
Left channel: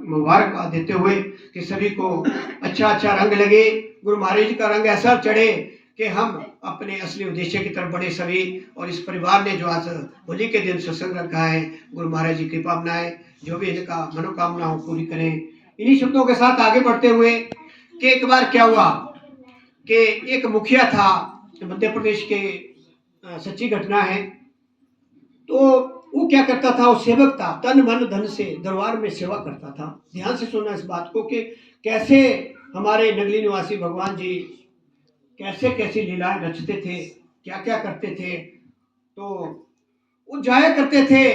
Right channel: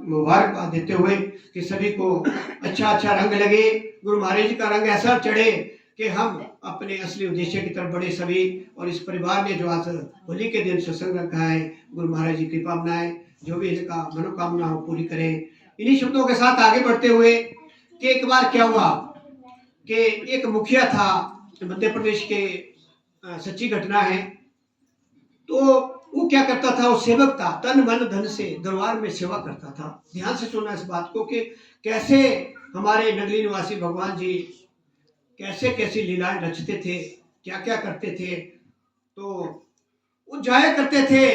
मुबारकबाद देते हुए कि सभी को अच्छा अच्छा रंग लगे, गुरु महाराज जी का रंग ऐसा चढ़े कि हम अपने असली उद्देश्य की तरफ बढ़े सभी। और इस परिवार ने जो आज होली के दिन सत्संग रखा है, गुरु महाराज जी कृपा बनाए, जो भी इनका मनोकामना हो पूरी करें। इन्हीं शब्दों के साथ आगे बढ़ते हुए कि एक बार क्या हुआ कि एक मुखिया था मध्य प्रदेश के, सच्ची घटना है। तो वो क्या करता था, वो सेवक था, तन मन धन से दरबार में सेवा करता था। ध्यान से सुनना इस बात को कि कैसे हमारे नगली निवासी भगवान जी कैसे कैसी लीलाएं रचते थे, क्या क्या करते थे। तो वो जाया करते थे,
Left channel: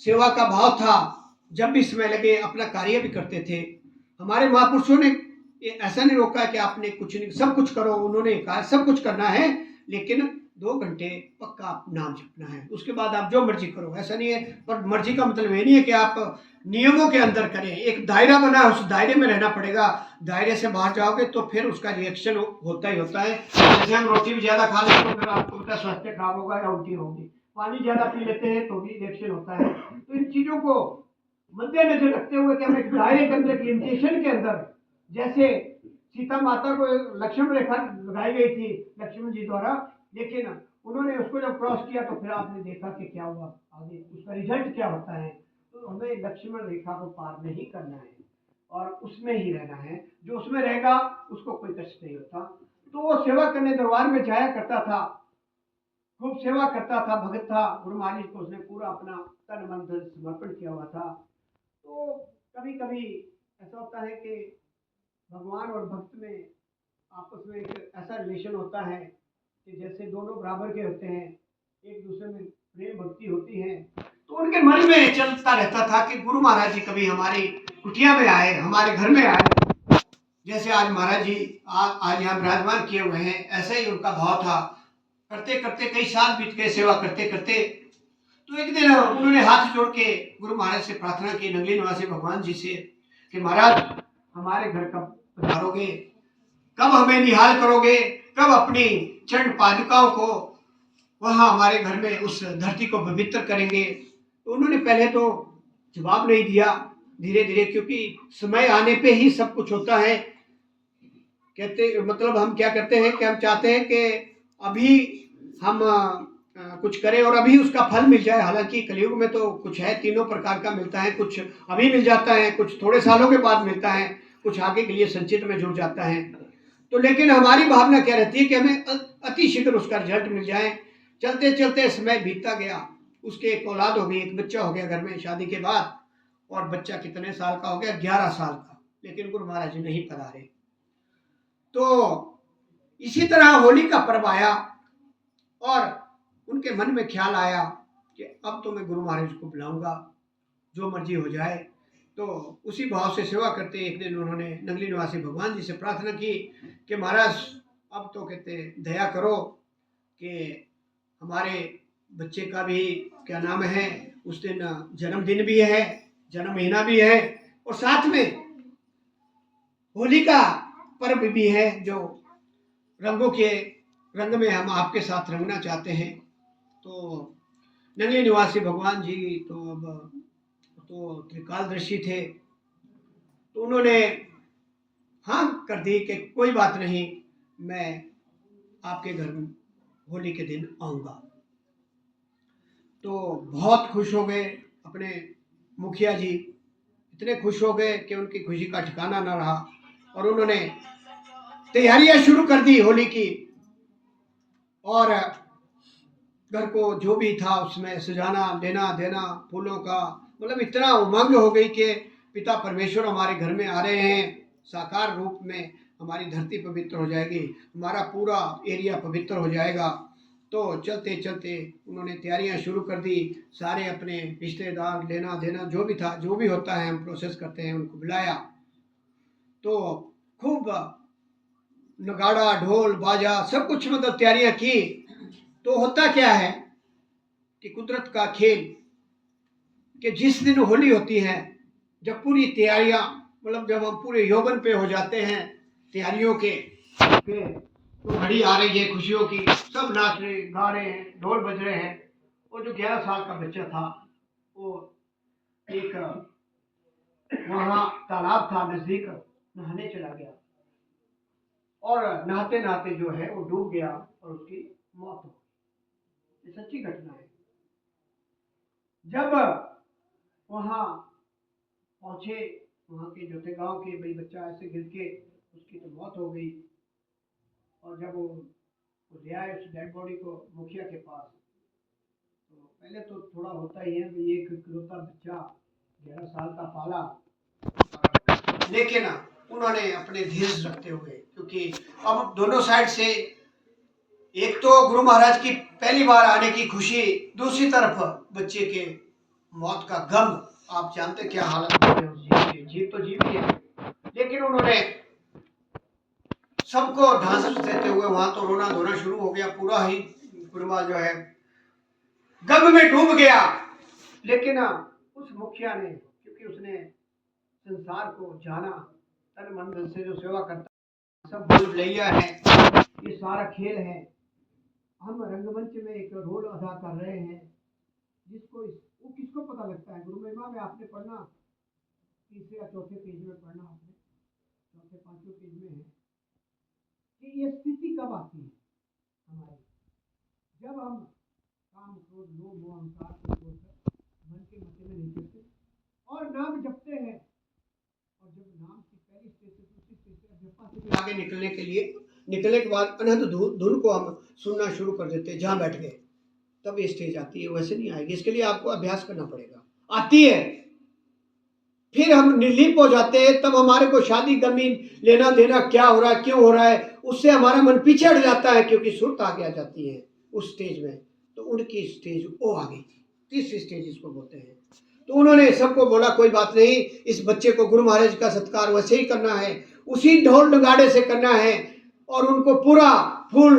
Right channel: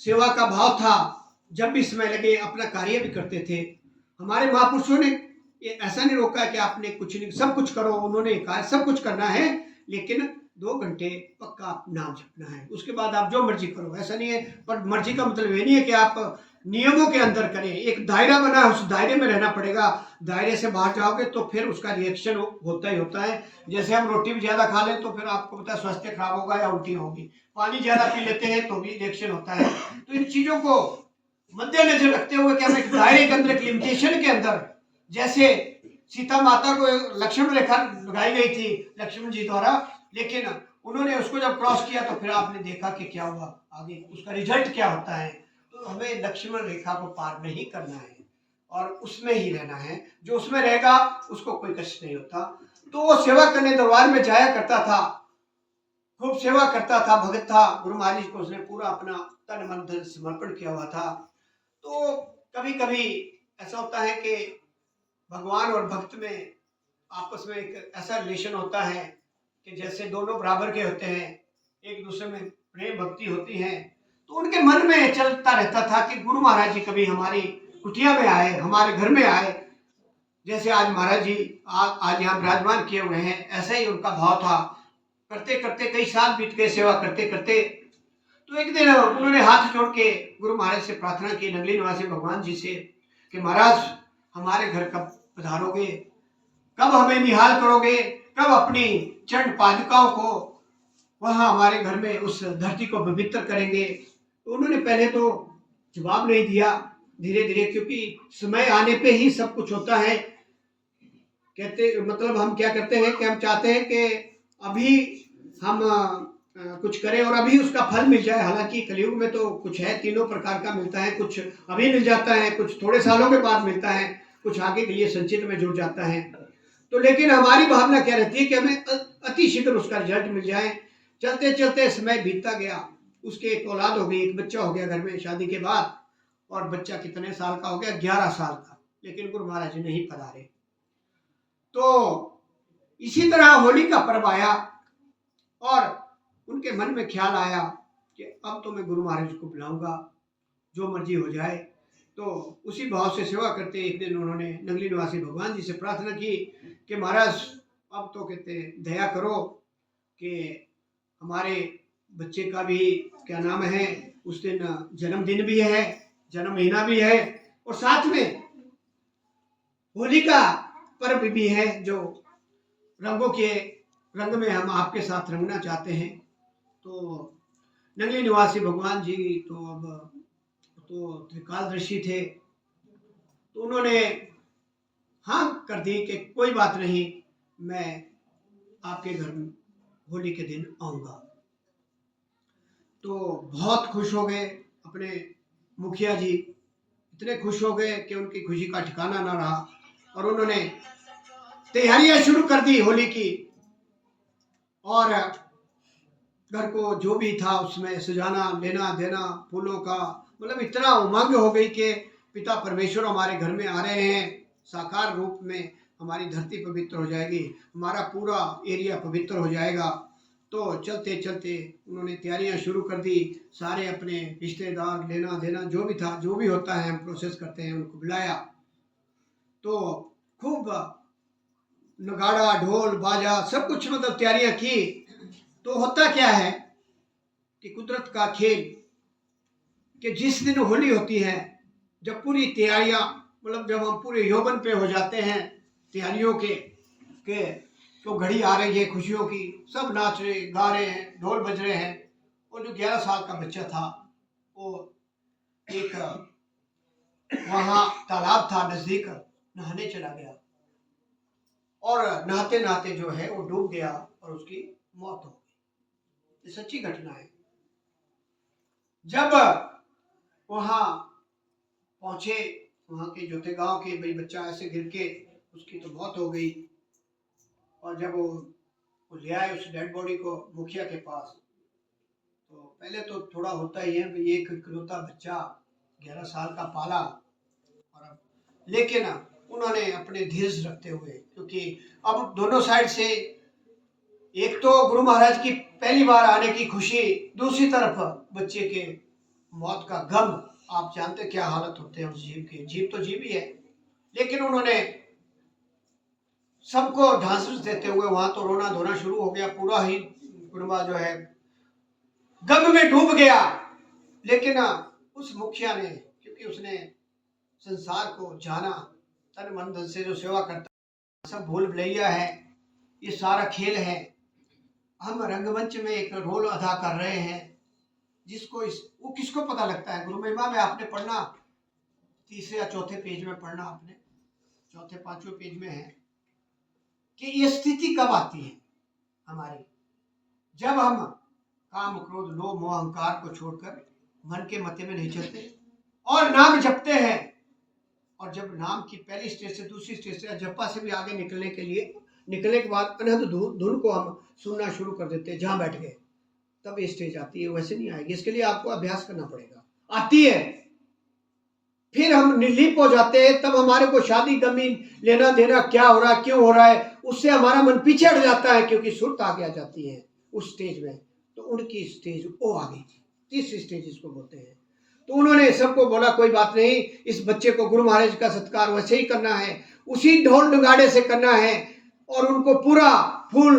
सेवा का भाव था, जब भी समय लगे अपना कार्य भी करते थे। हमारे महापुरुषों ने ऐसा नहीं रोका कि आपने कुछ नहीं, सब कुछ करो। उन्होंने कहा सब कुछ करना है, लेकिन 2 घंटे पक्का आप नाम जपना है, उसके बाद आप जो मर्जी करो। ऐसा नहीं है, पर मर्जी का मतलब ये नहीं है कि आप नियमों के अंदर करें। एक दायरा बना है, उस दायरे में रहना पड़ेगा। दायरे से बाहर जाओगे तो फिर उसका रिएक्शन होता ही होता है। जैसे हम रोटी भी ज्यादा खा लेते तो फिर आपको पता स्वास्थ्य खराब होगा या उल्टी होगी। पानी ज्यादा पी लेते हैं तो भी रिएक्शन होता है। तो इन चीजों को मद्देनजर रखते हुए कि हम एक दायरे के अंदर, एक लिमिटेशन के अंदर, जैसे सीता माता को लक्ष्मण रेखा लगाई गई थी लक्ष्मण जी द्वारा, लेकिन उन्होंने उसको जब क्रॉस किया तो फिर आपने देखा कि क्या हुआ, आगे उसका रिजल्ट क्या होता है। तो हमें लक्ष्मण रेखा को पार नहीं करना है और उसमें ही रहना है। जो उसमें रहेगा उसको कोई कष्ट नहीं होता। तो वो सेवा करने दरबार में जाया करता था, खूब सेवा करता था, भगत था। गुरु महाराज को उसने पूरा अपना तन मन धन समर्पण किया हुआ था। तो कभी कभी ऐसा होता है कि भगवान और भक्त में आपस में एक ऐसा रिलेशन होता है कि जैसे दोनों बराबर के होते हैं, एक दूसरे में प्रेम भक्ति होती है। तो उनके मन में चलता रहता था कि गुरु महाराज जी कभी हमारी कुटिया में आए, हमारे घर में आए। जैसे आज महाराज जी आज यहाँ विराजमान किए हुए हैं, ऐसे ही उनका भाव था। करते करते कई साल बीत गए सेवा करते करते। तो एक दिन उन्होंने हाथ जोड़ के गुरु महाराज से प्रार्थना की, नगली निवासी भगवान जी से, कि महाराज हमारे घर कब पधारोगे, कब हमें निहाल करोगे, कब अपनी चरण पादुकाओं को वहां हमारे घर में उस धरती को पवित्र करेंगे। तो उन्होंने पहले तो जवाब नहीं दिया। धीरे धीरे, क्योंकि समय आने पे ही सब कुछ होता है। कहते मतलब हम क्या करते हैं कि हम चाहते हैं कि अभी हम कुछ करें और अभी उसका फल मिल जाए। हालांकि कलयुग में तो कुछ है, तीनों प्रकार का मिलता है, कुछ अभी मिल जाता है, कुछ थोड़े सालों के बाद मिलता है, कुछ आगे के लिए संचित में जुड़ जाता है। तो लेकिन हमारी भावना क्या रहती है कि हमें अति शीघ्र उसका रिजल्ट मिल जाए। चलते चलते समय बीतता गया, उसके एक औलाद हो गई, एक बच्चा हो गया घर में शादी के बाद। और बच्चा कितने साल का हो गया, 11 साल का। लेकिन गुरु महाराज जी नहीं पधारे। तो इसी तरह होली का पर्व आया और उनके मन में ख्याल आया कि अब तो मैं गुरु महाराज को बुलाऊंगा, जो मर्जी हो जाए। तो उसी भाव से सेवा करते एक दिन उन्होंने नगली निवासी भगवान जी से प्रार्थना की कि महाराज अब तो कहते दया करो कि हमारे बच्चे का भी क्या नाम है, उस दिन जन्मदिन भी है, जन्म महीना भी है, और साथ में होली का पर्व भी है, जो रंगों के रंग में हम आपके साथ रंगना चाहते हैं। तो नगली निवासी भगवान जी तो अब तो त्रिकालदर्शी थे। तो उन्होंने हाँ कर दी कि कोई बात नहीं, मैं आपके घर में होली के दिन आऊँगा। तो बहुत खुश हो गए अपने मुखिया जी, इतने खुश हो गए कि उनकी खुशी का ठिकाना ना रहा और उन्होंने तैयारियां शुरू कर दी होली की। और घर को जो भी था उसमें सजाना, लेना देना, फूलों का, मतलब इतना उमंग हो गई कि पिता परमेश्वर हमारे घर में आ रहे हैं, साकार रूप में हमारी धरती पवित्र हो जाएगी, हमारा पूरा एरिया पवित्र हो जाएगा। तो चलते चलते उन्होंने तैयारियां शुरू कर दी। सारे अपने रिश्तेदार, लेना देना जो भी था, जो भी होता है हम प्रोसेस करते हैं, उनको बुलाया। तो खूब नगाड़ा, ढोल, बाजा सब कुछ मतलब तैयारियां की। तो होता क्या है कि कुदरत का खेल कि जिस दिन होली होती है, जब पूरी तैयारियां, मतलब जब हम पूरे यौवन पे हो जाते हैं तैयारियों के तो घड़ी आ रही है खुशियों की, सब नाच रहे, गा रहे हैं, ढोल बज रहे हैं। और जो 11 साल का बच्चा था वो एक वहाँ तालाब था नजदीक, नहाने चला गया और नहाते नहाते जो है वो डूब गया और उसकी मौत हो गई। ये सच्ची घटना है। जब वहाँ पहुंचे, वहाँ के जो थे गांव के, भाई बच्चा ऐसे गिर के उसकी तो मौत हो गई। और जब वो ले आए उस डेड बॉडी को मुखिया के पास, तो पहले तो थोड़ा होता ही है भाई, एक इकलौता बच्चा 11 साल का पाला। लेकिन उन्होंने अपने धीरज रखते हुए, क्योंकि अब दोनों साइड से, एक तो गुरु महाराज की पहली बार आने की खुशी, दूसरी तरफ बच्चे के मौत का गम। आप जानते क्या हालत होती है उस जीव की। जीव तो जीव ही है, लेकिन उन्होंने सबको ढांढस देते हुए वहां तो रोना धोना शुरू हो गया। पूरा ही कुटुंबा जो है गम में डूब गया। लेकिन उस मुखिया ने, क्योंकि उसने संसार को जाना, तन मन धन से जो सेवा करता, सब भूल भुलैया है, ये सारा खेल है, हम रंगमंच में एक रोल अदा कर रहे हैं, जिसको वो किसको पता लगता है। गुरु महिमा में आपने पढ़ना, तीसरे या चौथे पेज में पढ़ना, आपने चौथे पांचवें पेज में है कि ये स्थिति कब आती है हमारी, जब हम काम, क्रोध, लोभ, मोह, अहंकार को छोड़कर मन के मते में नहीं चलते और नाम जपते हैं। और जब नाम की पहली स्टेज से दूसरी स्टेज से, जपा से भी आगे निकलने के लिए, निकलने के बाद अनहद धुन को हम सुनना शुरू कर देते हैं, जहां बैठ गए, तब ये स्टेज आती है। वैसे नहीं आएगी, इसके लिए आपको अभ्यास करना पड़ेगा। आती है, फिर हम निर्लिप हो जाते हैं, तब हमारे को शादी गमी, लेना देना, क्या हो रहा है, क्यों हो रहा है, उससे हमारा मन पीछे हट जाता है, क्योंकि सुरत आगे आ जाती है उस स्टेज में। तो उनकी स्टेज वो आ गई थी, तीसरी स्टेज इसको बोलते हैं। तो उन्होंने सबको बोला कोई बात नहीं, इस बच्चे को गुरु महाराज का सत्कार वैसे ही करना है, उसी ढोल नगाड़े से करना है, और उनको पूरा फूल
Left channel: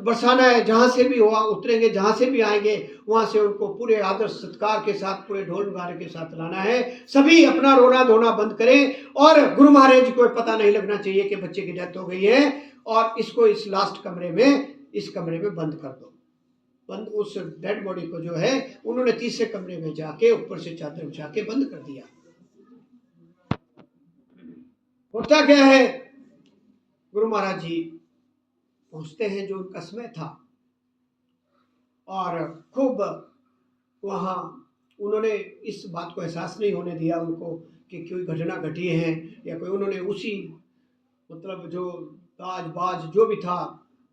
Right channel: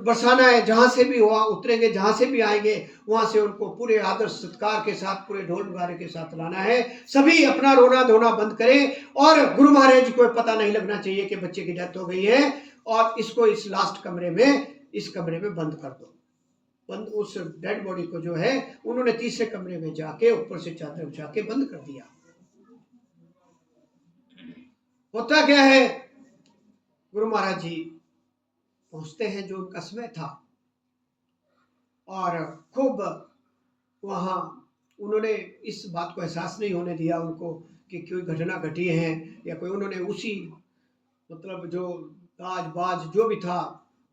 बरसाना है। जहां से भी वहां उतरेंगे, जहां से भी आएंगे, वहां से उनको पूरे आदर सत्कार के साथ, पूरे ढोल नगाड़े के साथ लाना है। सभी अपना रोना धोना बंद करें, और गुरु महाराज जी को पता नहीं लगना चाहिए कि बच्चे की डेथ हो गई है, और इसको इस लास्ट कमरे में, इस कमरे में बंद कर दो। बंद, उस डेड बॉडी को जो है उन्होंने तीसरे कमरे में जाके ऊपर से चादर बिछा के बंद कर दिया। होता क्या है, गुरु महाराज जी पहुंचते हैं, जो उनका समय था, और खूब वहां उन्होंने इस बात को एहसास नहीं होने दिया उनको कि कोई घटना घटी है या कोई, उन्होंने उसी मतलब जो ताज बाज जो भी था,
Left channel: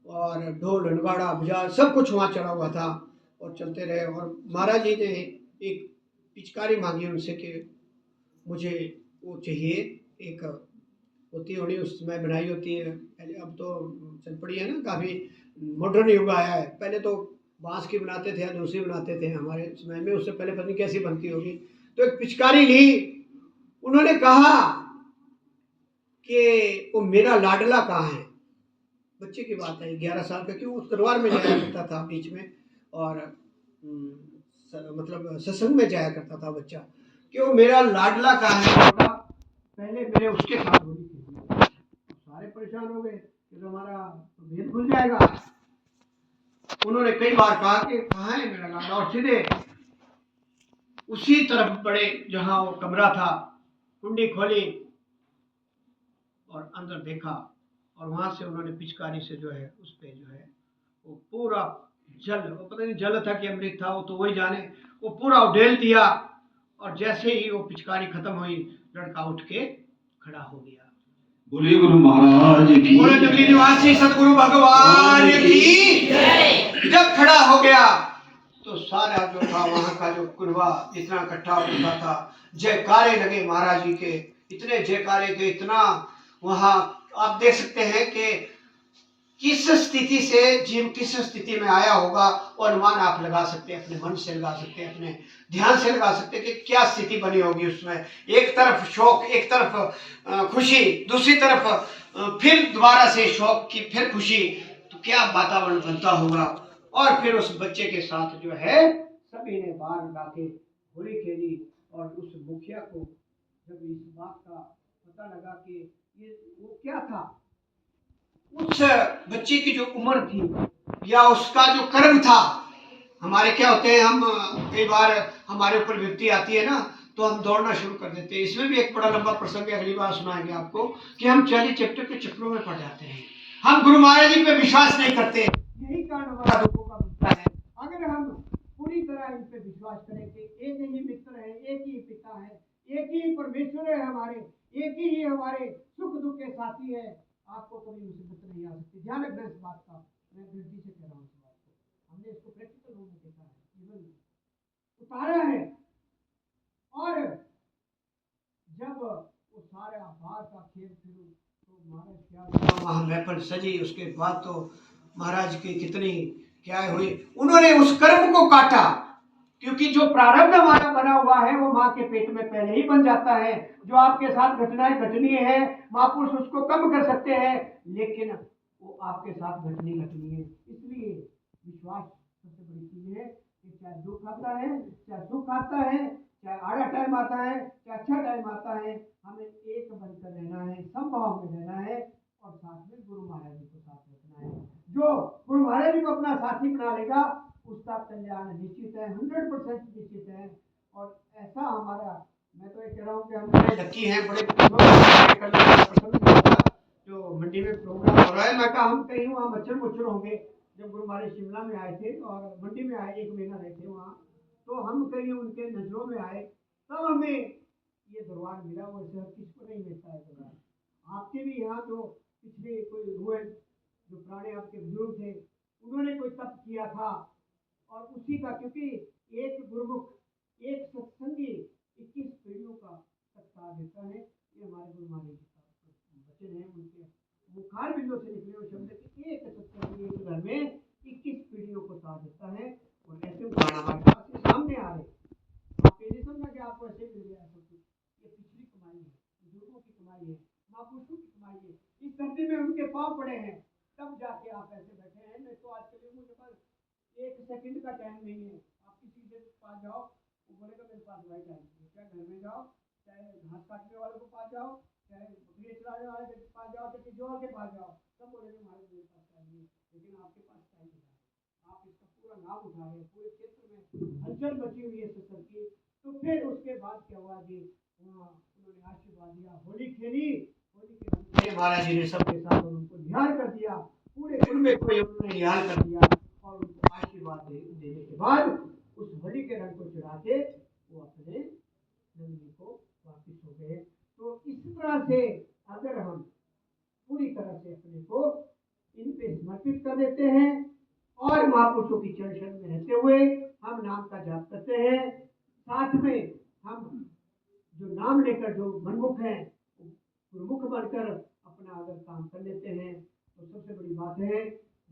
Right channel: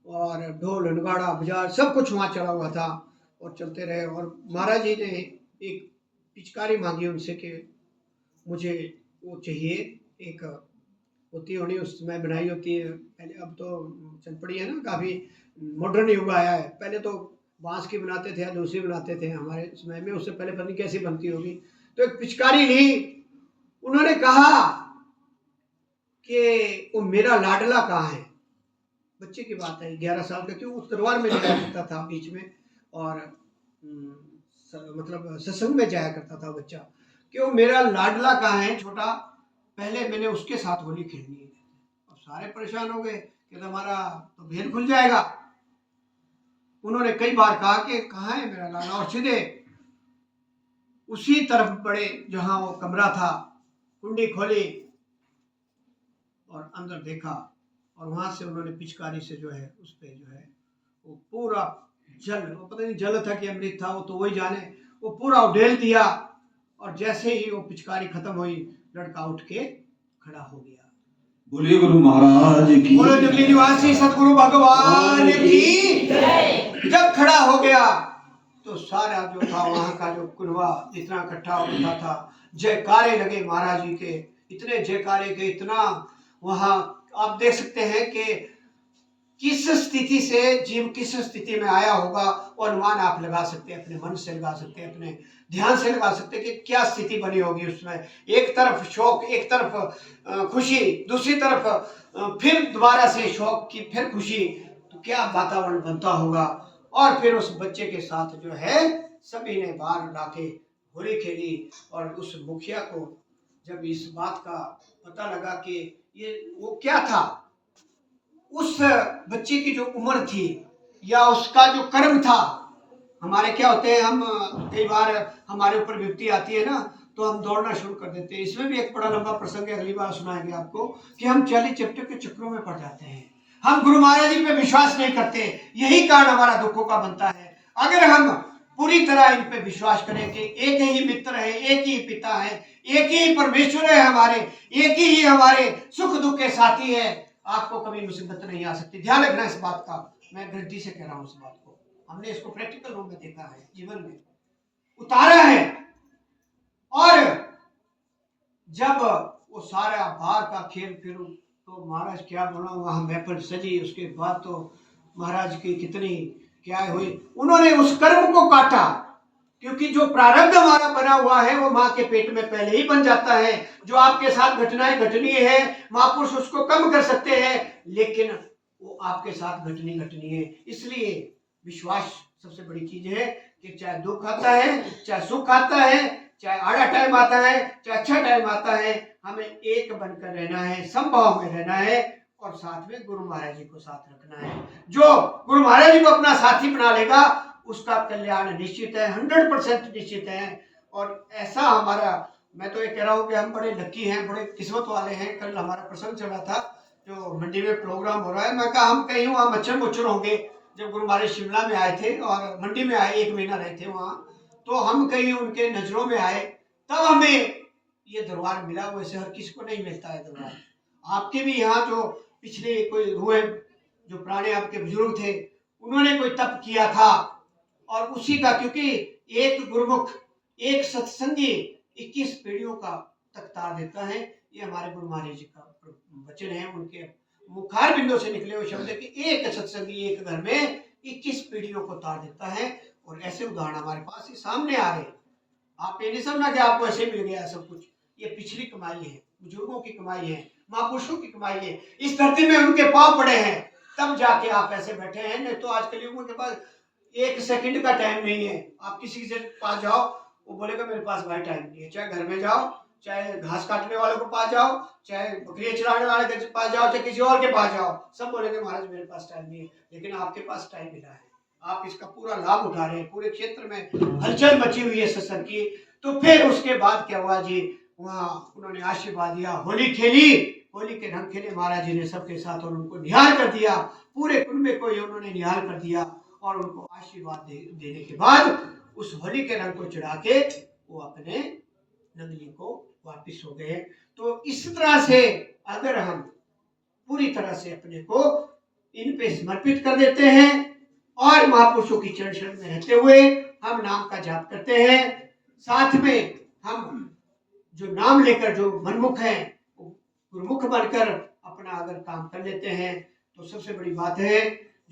और ढोल नगाड़ा बाजार सब कुछ वहाँ चला हुआ था, और चलते रहे। और महाराज जी ने एक पिचकारी मांगी उनसे कि मुझे वो चाहिए, एक होती होनी उस समय बनाई होती है पहले, अब तो चल पड़ी है ना, काफ़ी मॉडर्न युग आया है। पहले तो बांस की बनाते थे या दूसरी बनाते थे हमारे समय में, उससे पहले पता नहीं कैसी बनती होगी। तो एक पिचकारी ली, उन्होंने कहा कि वो मेरा लाडला कहाँ है। बच्चे की बात है, 11 साल का, क्यों उस दरबार में जाया करता था बीच में, और मतलब सत्संग में जाया करता था बच्चा, क्यों मेरा लाडला कहाँ है छोटा, पहले मैंने उसके साथ होली खेलनी है। सारे परेशान हो गए कि तुम्हारा तो भेद खुल जाएगा। उन्होंने कई बार कहा कि कहाँ है मेरा लाडला, और सीधे उसी तरफ बढ़े जहां वो कमरा था, कुंडी खोली और अंदर देखा, और वहां से उन्होंने पिचकारी से जो है उस पे जो है वो पूरा जल, वो पता नहीं जल था कि अमृत था, वो तो वही जाने, वो पूरा उडेल दिया। और जैसे ही वो पिचकारी खत्म हुई, लड़का उठ के खड़ा हो गया। बोलिए गुरु महाराज की। बोले जंगली निवासी सतगुरु भगवान की। जब खड़ा हो गया तो सारा जो था वहां का जो कुरबा इतना इकट्ठा होता था, जयकारे लगे महाराज जी के, इतने जयकारे के, इतना वहां आप देख सकते हैं कि किस स्थिति से जीव किस स्थिति में आया होगा, और अनुमान आप लगा सकते हैं, अपने मन से लगा सकते हैं, अपने ध्यान से लगा सकते हैं कि क्या स्थिति बनी होगी उसमें। एक तरफ शोक, एक तरफ खुशी, दूसरी तरफ फिर दोबारा से शोक की, फिर खुशी, तो क्या वातावरण बनता होगा। और फिर उस बच्चे के साथ जो है सभी ने बाहर लाके होली खेली, और उस मुखिया को जब इस बात का पता लगा कि ये वो क्या था, उस बच्चे की जो उम्र थी या उसका जो कर्म था, हमारे क्या होते हैं, हम कई बार हमारे ऊपर विपत्ति आती है ना, तो हम दौड़ना शुरू कर देते हैं। इसमें भी एक बड़ा लंबा प्रसंग है, अगली बार सुनाएंगे आपको, कि हम 40 चैप्टर के चक्रों में पड़ जाते हैं, हम गुरु महाराज जी पे विश्वास नहीं करते। यही कारण हमारा दुखों का बनता है। अगर हम पूरी तरह इन पे विश्वास करें कि एक ही मित्र है, एक ही पिता है, एक ही परमेश्वर है हमारे, एक ही हमारे सुख दुख के साथी है, आपको कभी मुसीबत नहीं आ सकती। ध्यान रखना इस बात का, मैं गारंटी से कह रहा हूं इस बात को, हमने इसको प्रैक्टिकल रूप में देखा है, जीवन में उतारा है। और जब वो सारा बाहर का खेल फिर तो महाराज क्या बोला, वहां महफिल सजी, उसके बाद तो महाराज की कितनी क्या हुई, उन्होंने उस कर्म को काटा, क्योंकि जो प्रारब्ध हमारा बना हुआ है वो माँ के पेट में पहले ही बन जाता है। जो आपके साथ घटनाएं घटनी है, महापुरुष उसको कम कर सकते हैं, लेकिन वो आपके साथ घटनी है। इसलिए विश्वास सबसे बड़ी चीज है कि चाहे दुख आता है, चाहे सुख आता है, चाहे आड़ा टाइम आता है, चाहे अच्छा टाइम आता है, हमें एक बनकर रहना है, समभाव में रहना है, और साथ में गुरु महाराज जी को साथ रखना है। जो गुरु महाराज जी को अपना साथी बना लेगा उसका कल्याण निश्चित है, 100% निश्चित है। और ऐसा हमारा, मैं तो ये कह रहा हूँ कि हम बड़े लकी हैं, बड़े प्रसन्न चल रहा, जो मंडी में प्रोग्राम हो रहा है, मैं कहा हम कहीं वहाँ मच्छर मुच्छर होंगे। जब गुरु महाराज शिमला में आए थे और मंडी में आए, 1 महीना रहे थे वहाँ, तो हम कहीं उनके नजरों में आए, तब हमें ये दरबार मिला। वैसे हर किसी को नहीं मिलता है दरबार। आपके भी यहाँ जो पिछले कोई हुए, जो पुराने आपके बुजुर्ग थे, उन्होंने कोई तप किया था, और उसी का, क्योंकि एक गुरुमुख, एक सत्संगी 21 पीढ़ियों का तख्ता देता है। ये हमारे गुरु महाराज जी का वचन है, उनके मुखार बिंदों से निकले हुए शब्द कि एक सत्संगी एक घर में 21 पीढ़ियों को तार देता है। और ऐसे उदाहरण हमारे पास ही सामने आ रहे। आप ये नहीं समझना कि आपको ऐसे मिल गया सब कुछ, ये पिछली कमाई है, बुजुर्गों की कमाई है, महापुरुषों की कमाई है। इस धरती में उनके पांव पड़े हैं, तब जाके आप ऐसे बैठे हैं। नहीं तो आज कलयुग के पास 1 सेकंड का टाइम नहीं है। आप किसी के पास जाओ, वो बोलेगा मेरे पास भाई टाइम नहीं है। चाहे घर में जाओ, चाहे घास काटने वाले को पास जाओ, चाहे बकरियां चराने वाले के पास जाओ, चाहे किसी और के पास जाओ, सब बोलेंगे महाराज मेरे पास टाइम नहीं है। लेकिन आपके पास टाइम मिला है, आप इसका पूरा लाभ उठा रहे हैं। पूरे क्षेत्र में हलचल मची हुई है सत्संग की। तो फिर उसके बाद क्या हुआ जी, वहाँ उन्होंने आशीर्वाद दिया, होली खेली, होली के रंग खेले महाराज जी ने सबके साथ, और उनको निहाल कर दिया, पूरे कुनबे को उन्होंने निहाल कर दिया। और उनको आशीर्वाद देने के बाद उस होली के रंग को चढ़ा के वो अपने नगरी को वापिस हो गए। तो इस तरह से अगर हम पूरी तरह से अपने को इन पे समर्पित कर देते हैं और महापुरुषों की चरण शरण में रहते हुए हम नाम का जाप करते हैं, साथ में हम जो नाम लेकर जो मनमुख हैं गुरुमुख बनकर अपना अगर काम कर लेते हैं, तो सबसे बड़ी बात है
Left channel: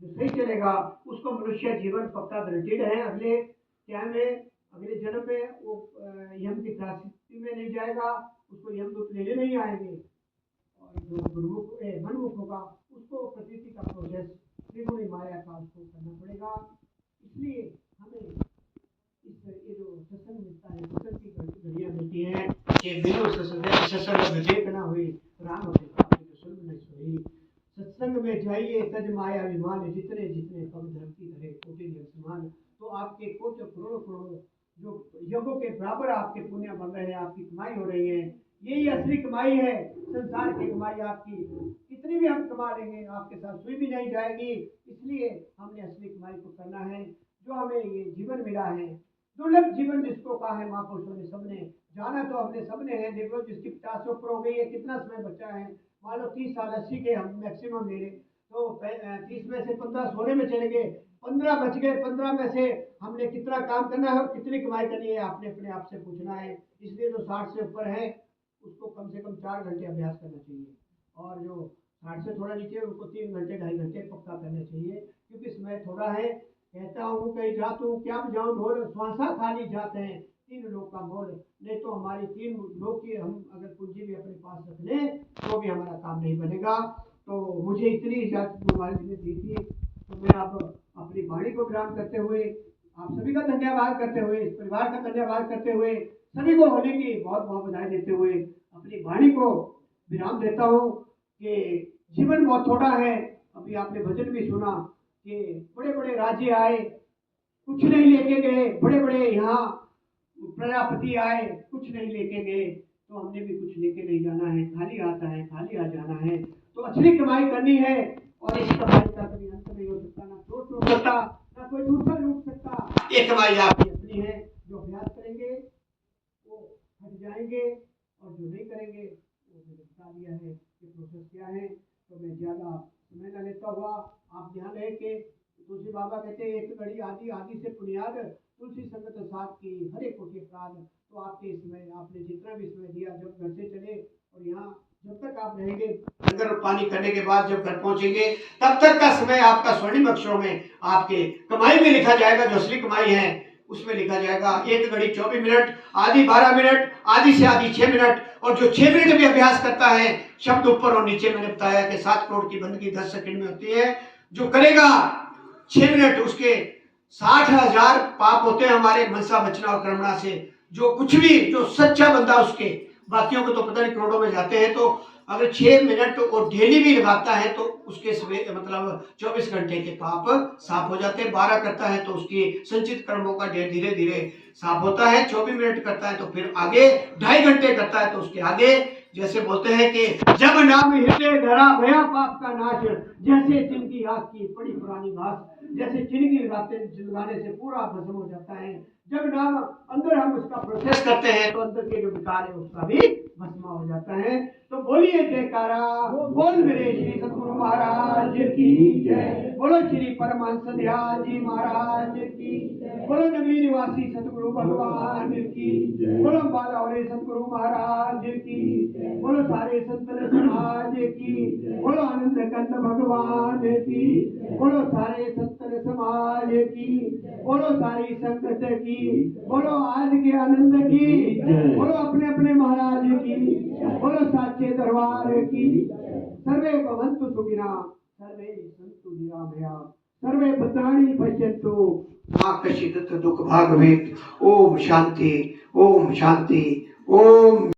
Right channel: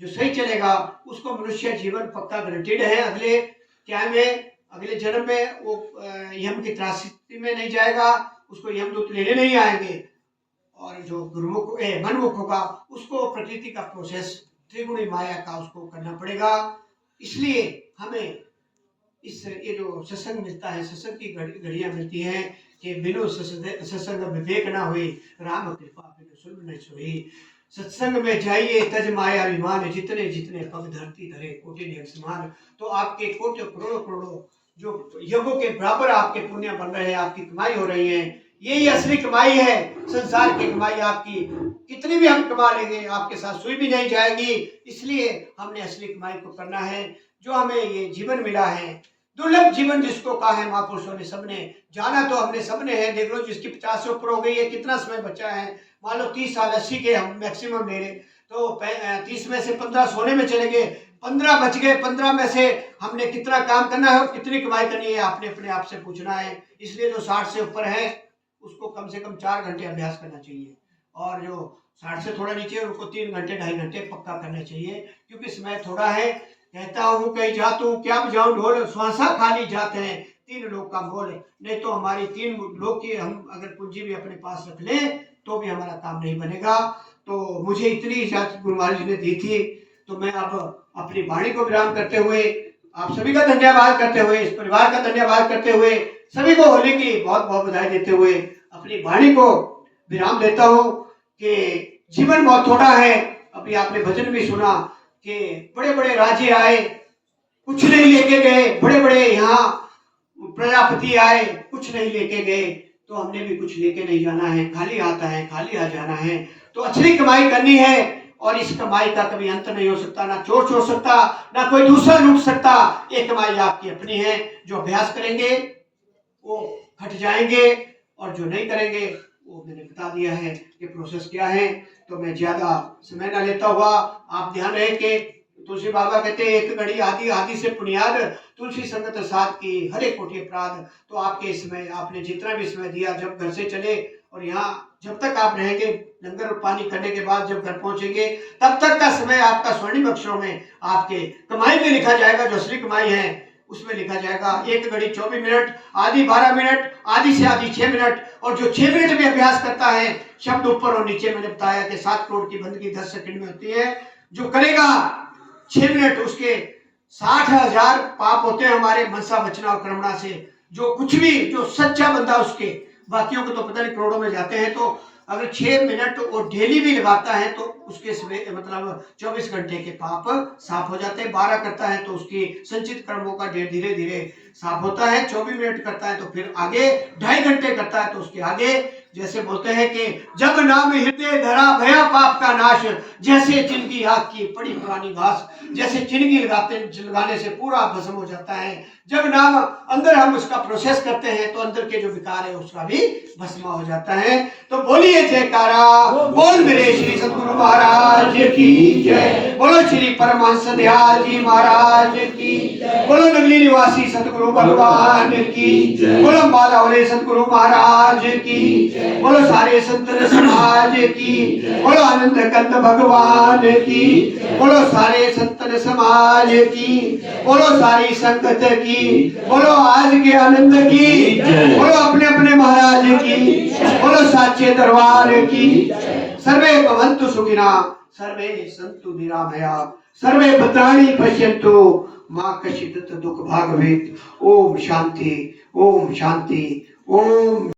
जो सही चलेगा उसको मनुष्य जीवन पक्का गारंटीड है। अगले क्या में, अगले जन्म में वो यम की त्रासदी में नहीं जाएगा, उसको यमदूत लेने नहीं आएंगे। और जो गुरुमुख मनमुख होगा उसको प्रकृति का प्रोसेस, त्रिगुणी माया का उसको करना पड़ेगा। इसलिए हमें इस ये जो सत्संग मिलता है, सत्संग की घड़ियां मिलती हैं कि बिनु सत्संग विवेक ना हुई, राम कृपा बिनु सुन न सोई। सत्संग में जाइए तज माया अभिमान, जितने जितने पग धरती धरे कोटि नियम समान। तो आपके कोटि करोड़ों करोड़ों जो योगों के बराबर आपके पुण्य बन रहे हैं, आपकी कमाई हो रही है। यही असली कमाई है। संसार की कमाई आपकी कितनी भी हम कमा लेंगे आपके साथ सुई भी नहीं जाएगी। इसलिए हमने असली कमाई को करना है। जो हमें ये जीवन मिला है, दुर्लभ जीवन जिसको कहा है महापुरुषों ने, सबने जाना तो हमने सबने है। देख लो जिसकी 50 से ऊपर हो गई है, कितना समय बचा है। मान लो 30 साल 80 के हम मैक्सिमम ले रहे, तो 30 में से 15 सोने में चले गए, 15 बच गए। 15 में से हमने कितना काम करना है और कितनी कमाई करनी है, आपने अपने आप से पूछना है। इसलिए जो 60 से ऊपर है उसको कम से कम 4 घंटे अभ्यास करना चाहिए, और जो 60 से थोड़ा नीचे है उनको 3 घंटे 2.5 घंटे पक्का करना चाहिए, क्योंकि समय थोड़ा है। कहता हूँ कहीं जातू क्या बजाऊं ढोल, श्वासा खाली जाते हैं 3 लोग का मोल। नहीं तो हमारी 3 लोग की हम अगर पूंजी भी अपने पास रख लें तो भी हमारा काम नहीं बनेगा। तो मुझे इतनी इजाजत गुरु महाराज जी ने दी थी, तो मैं अब अपनी वाणी को विराम करते हुए, आप सभी का धन्यवाद करते हुए, इस परिवार का धन्यवाद करते हुए, सभी को होली की बहुत बहुत बधाई देते हुए अपनी वाणी को विराम देता हूँ कि जीवन बहुत थोड़ा है। अभी आपने भजन भी सुना कि बड़े बड़े राजे आए, कुछ नहीं लेके गए। बड़े बड़े यहाँ प्रजापति आए, कुछ नहीं लेके गए। तो हमने भी कुछ लेके नहीं जाना है, खाली आता है, खाली आ जाना है। तो अच्छी कमाई करनी है, और इस कमाई का कभी अंत नहीं हो सकता, ना चोर छोड़ सकता, ना कोई दूसरा लूट सकता। ये कमाई आपकी अपनी है। जो अभ्यास करेंगे वो हट जाएंगे, और जो नहीं करेंगे वो मैंने बता दिया है कि प्रोसेस क्या है। तो मैं ज्यादा समय ना लेता हुआ, आप ध्यान रहे कि तुलसी बाबा कहते हैं एक घड़ी आदि आदि से पुनियाद, तुलसी संगत साथ की हरे कोटि अपराध। तो आपके समय आपने जितना भी समय दिया, जब घर से चले और यहाँ जब तक आप रहेंगे, लंगर पानी करने के बाद जब घर पहुंचेंगे, तब तक का समय आपका स्वर्णिम अक्षरों में आपके कमाई में लिखा जाएगा। जो असली कमाई है उसमें लिखा जाएगा। एक घड़ी 24 मिनट, आधी 12 मिनट, आधी से आधी 6 मिनट। और जो 6 मिनट भी अभ्यास करता है, शब्द ऊपर और नीचे मैंने बताया कि 7 करोड़ की बंदगी 10 सेकंड में होती है। जो करेगा 6 मिनट, उसके 60,000 पाप होते हैं हमारे मनसा वचना और कर्मणा से। जो कुछ भी, जो सच्चा बंदा उसके, बाकियों को तो पता नहीं करोड़ों में जाते हैं। तो अगर 6 मिनट और डेली भी लगाता है तो उसके मतलब 24 घंटे के पाप साफ हो जाते हैं। 12 करता है तो उसकी संचित कर्मों का ढेर धीरे धीरे साफ होता है। 24 मिनट करता है तो फिर आगे, 2.5 घंटे करता है तो उसके आगे। जैसे बोलते हैं कि जब नाम हृदय धरा भया पाप का नाश, जैसे चिनकी आग की पड़ी पुरानी घास। जैसे चिनकी लगाने से पूरा भस्म हो जाता है। जब नाम अंदर हम उसका प्रोसेस करते हैं तो अंदर के जो विकार है उसका भी भस्म हो जाता है। तो बोलिए जयकारा, बोल मेरे श्री सतगुरु महाराज की जय, बोलो श्री परमहंस दयाल जी महाराज की, बोलो नगली निवासी सतगुरु भगवान की, बोलो बाला वाले सतगुरु महाराज की, बोलो सारे संतन समाज की, बोलो आनंद कंद भगवान की, बोलो सारे संतन समाज की, बोलो सारी संगत की, बोलो आज के आनंद की, बोलो अपने अपने महाराज की, बोलो साचे दरबार की। सर्वे भवन्तु सुखिना, सर्वे सन्तु निरामया, सर्वे भद्राणि पश्यन्तु मा कश्चित् दुःख भाग् भवेत्। ओम शांति, ओम शांति, ओम।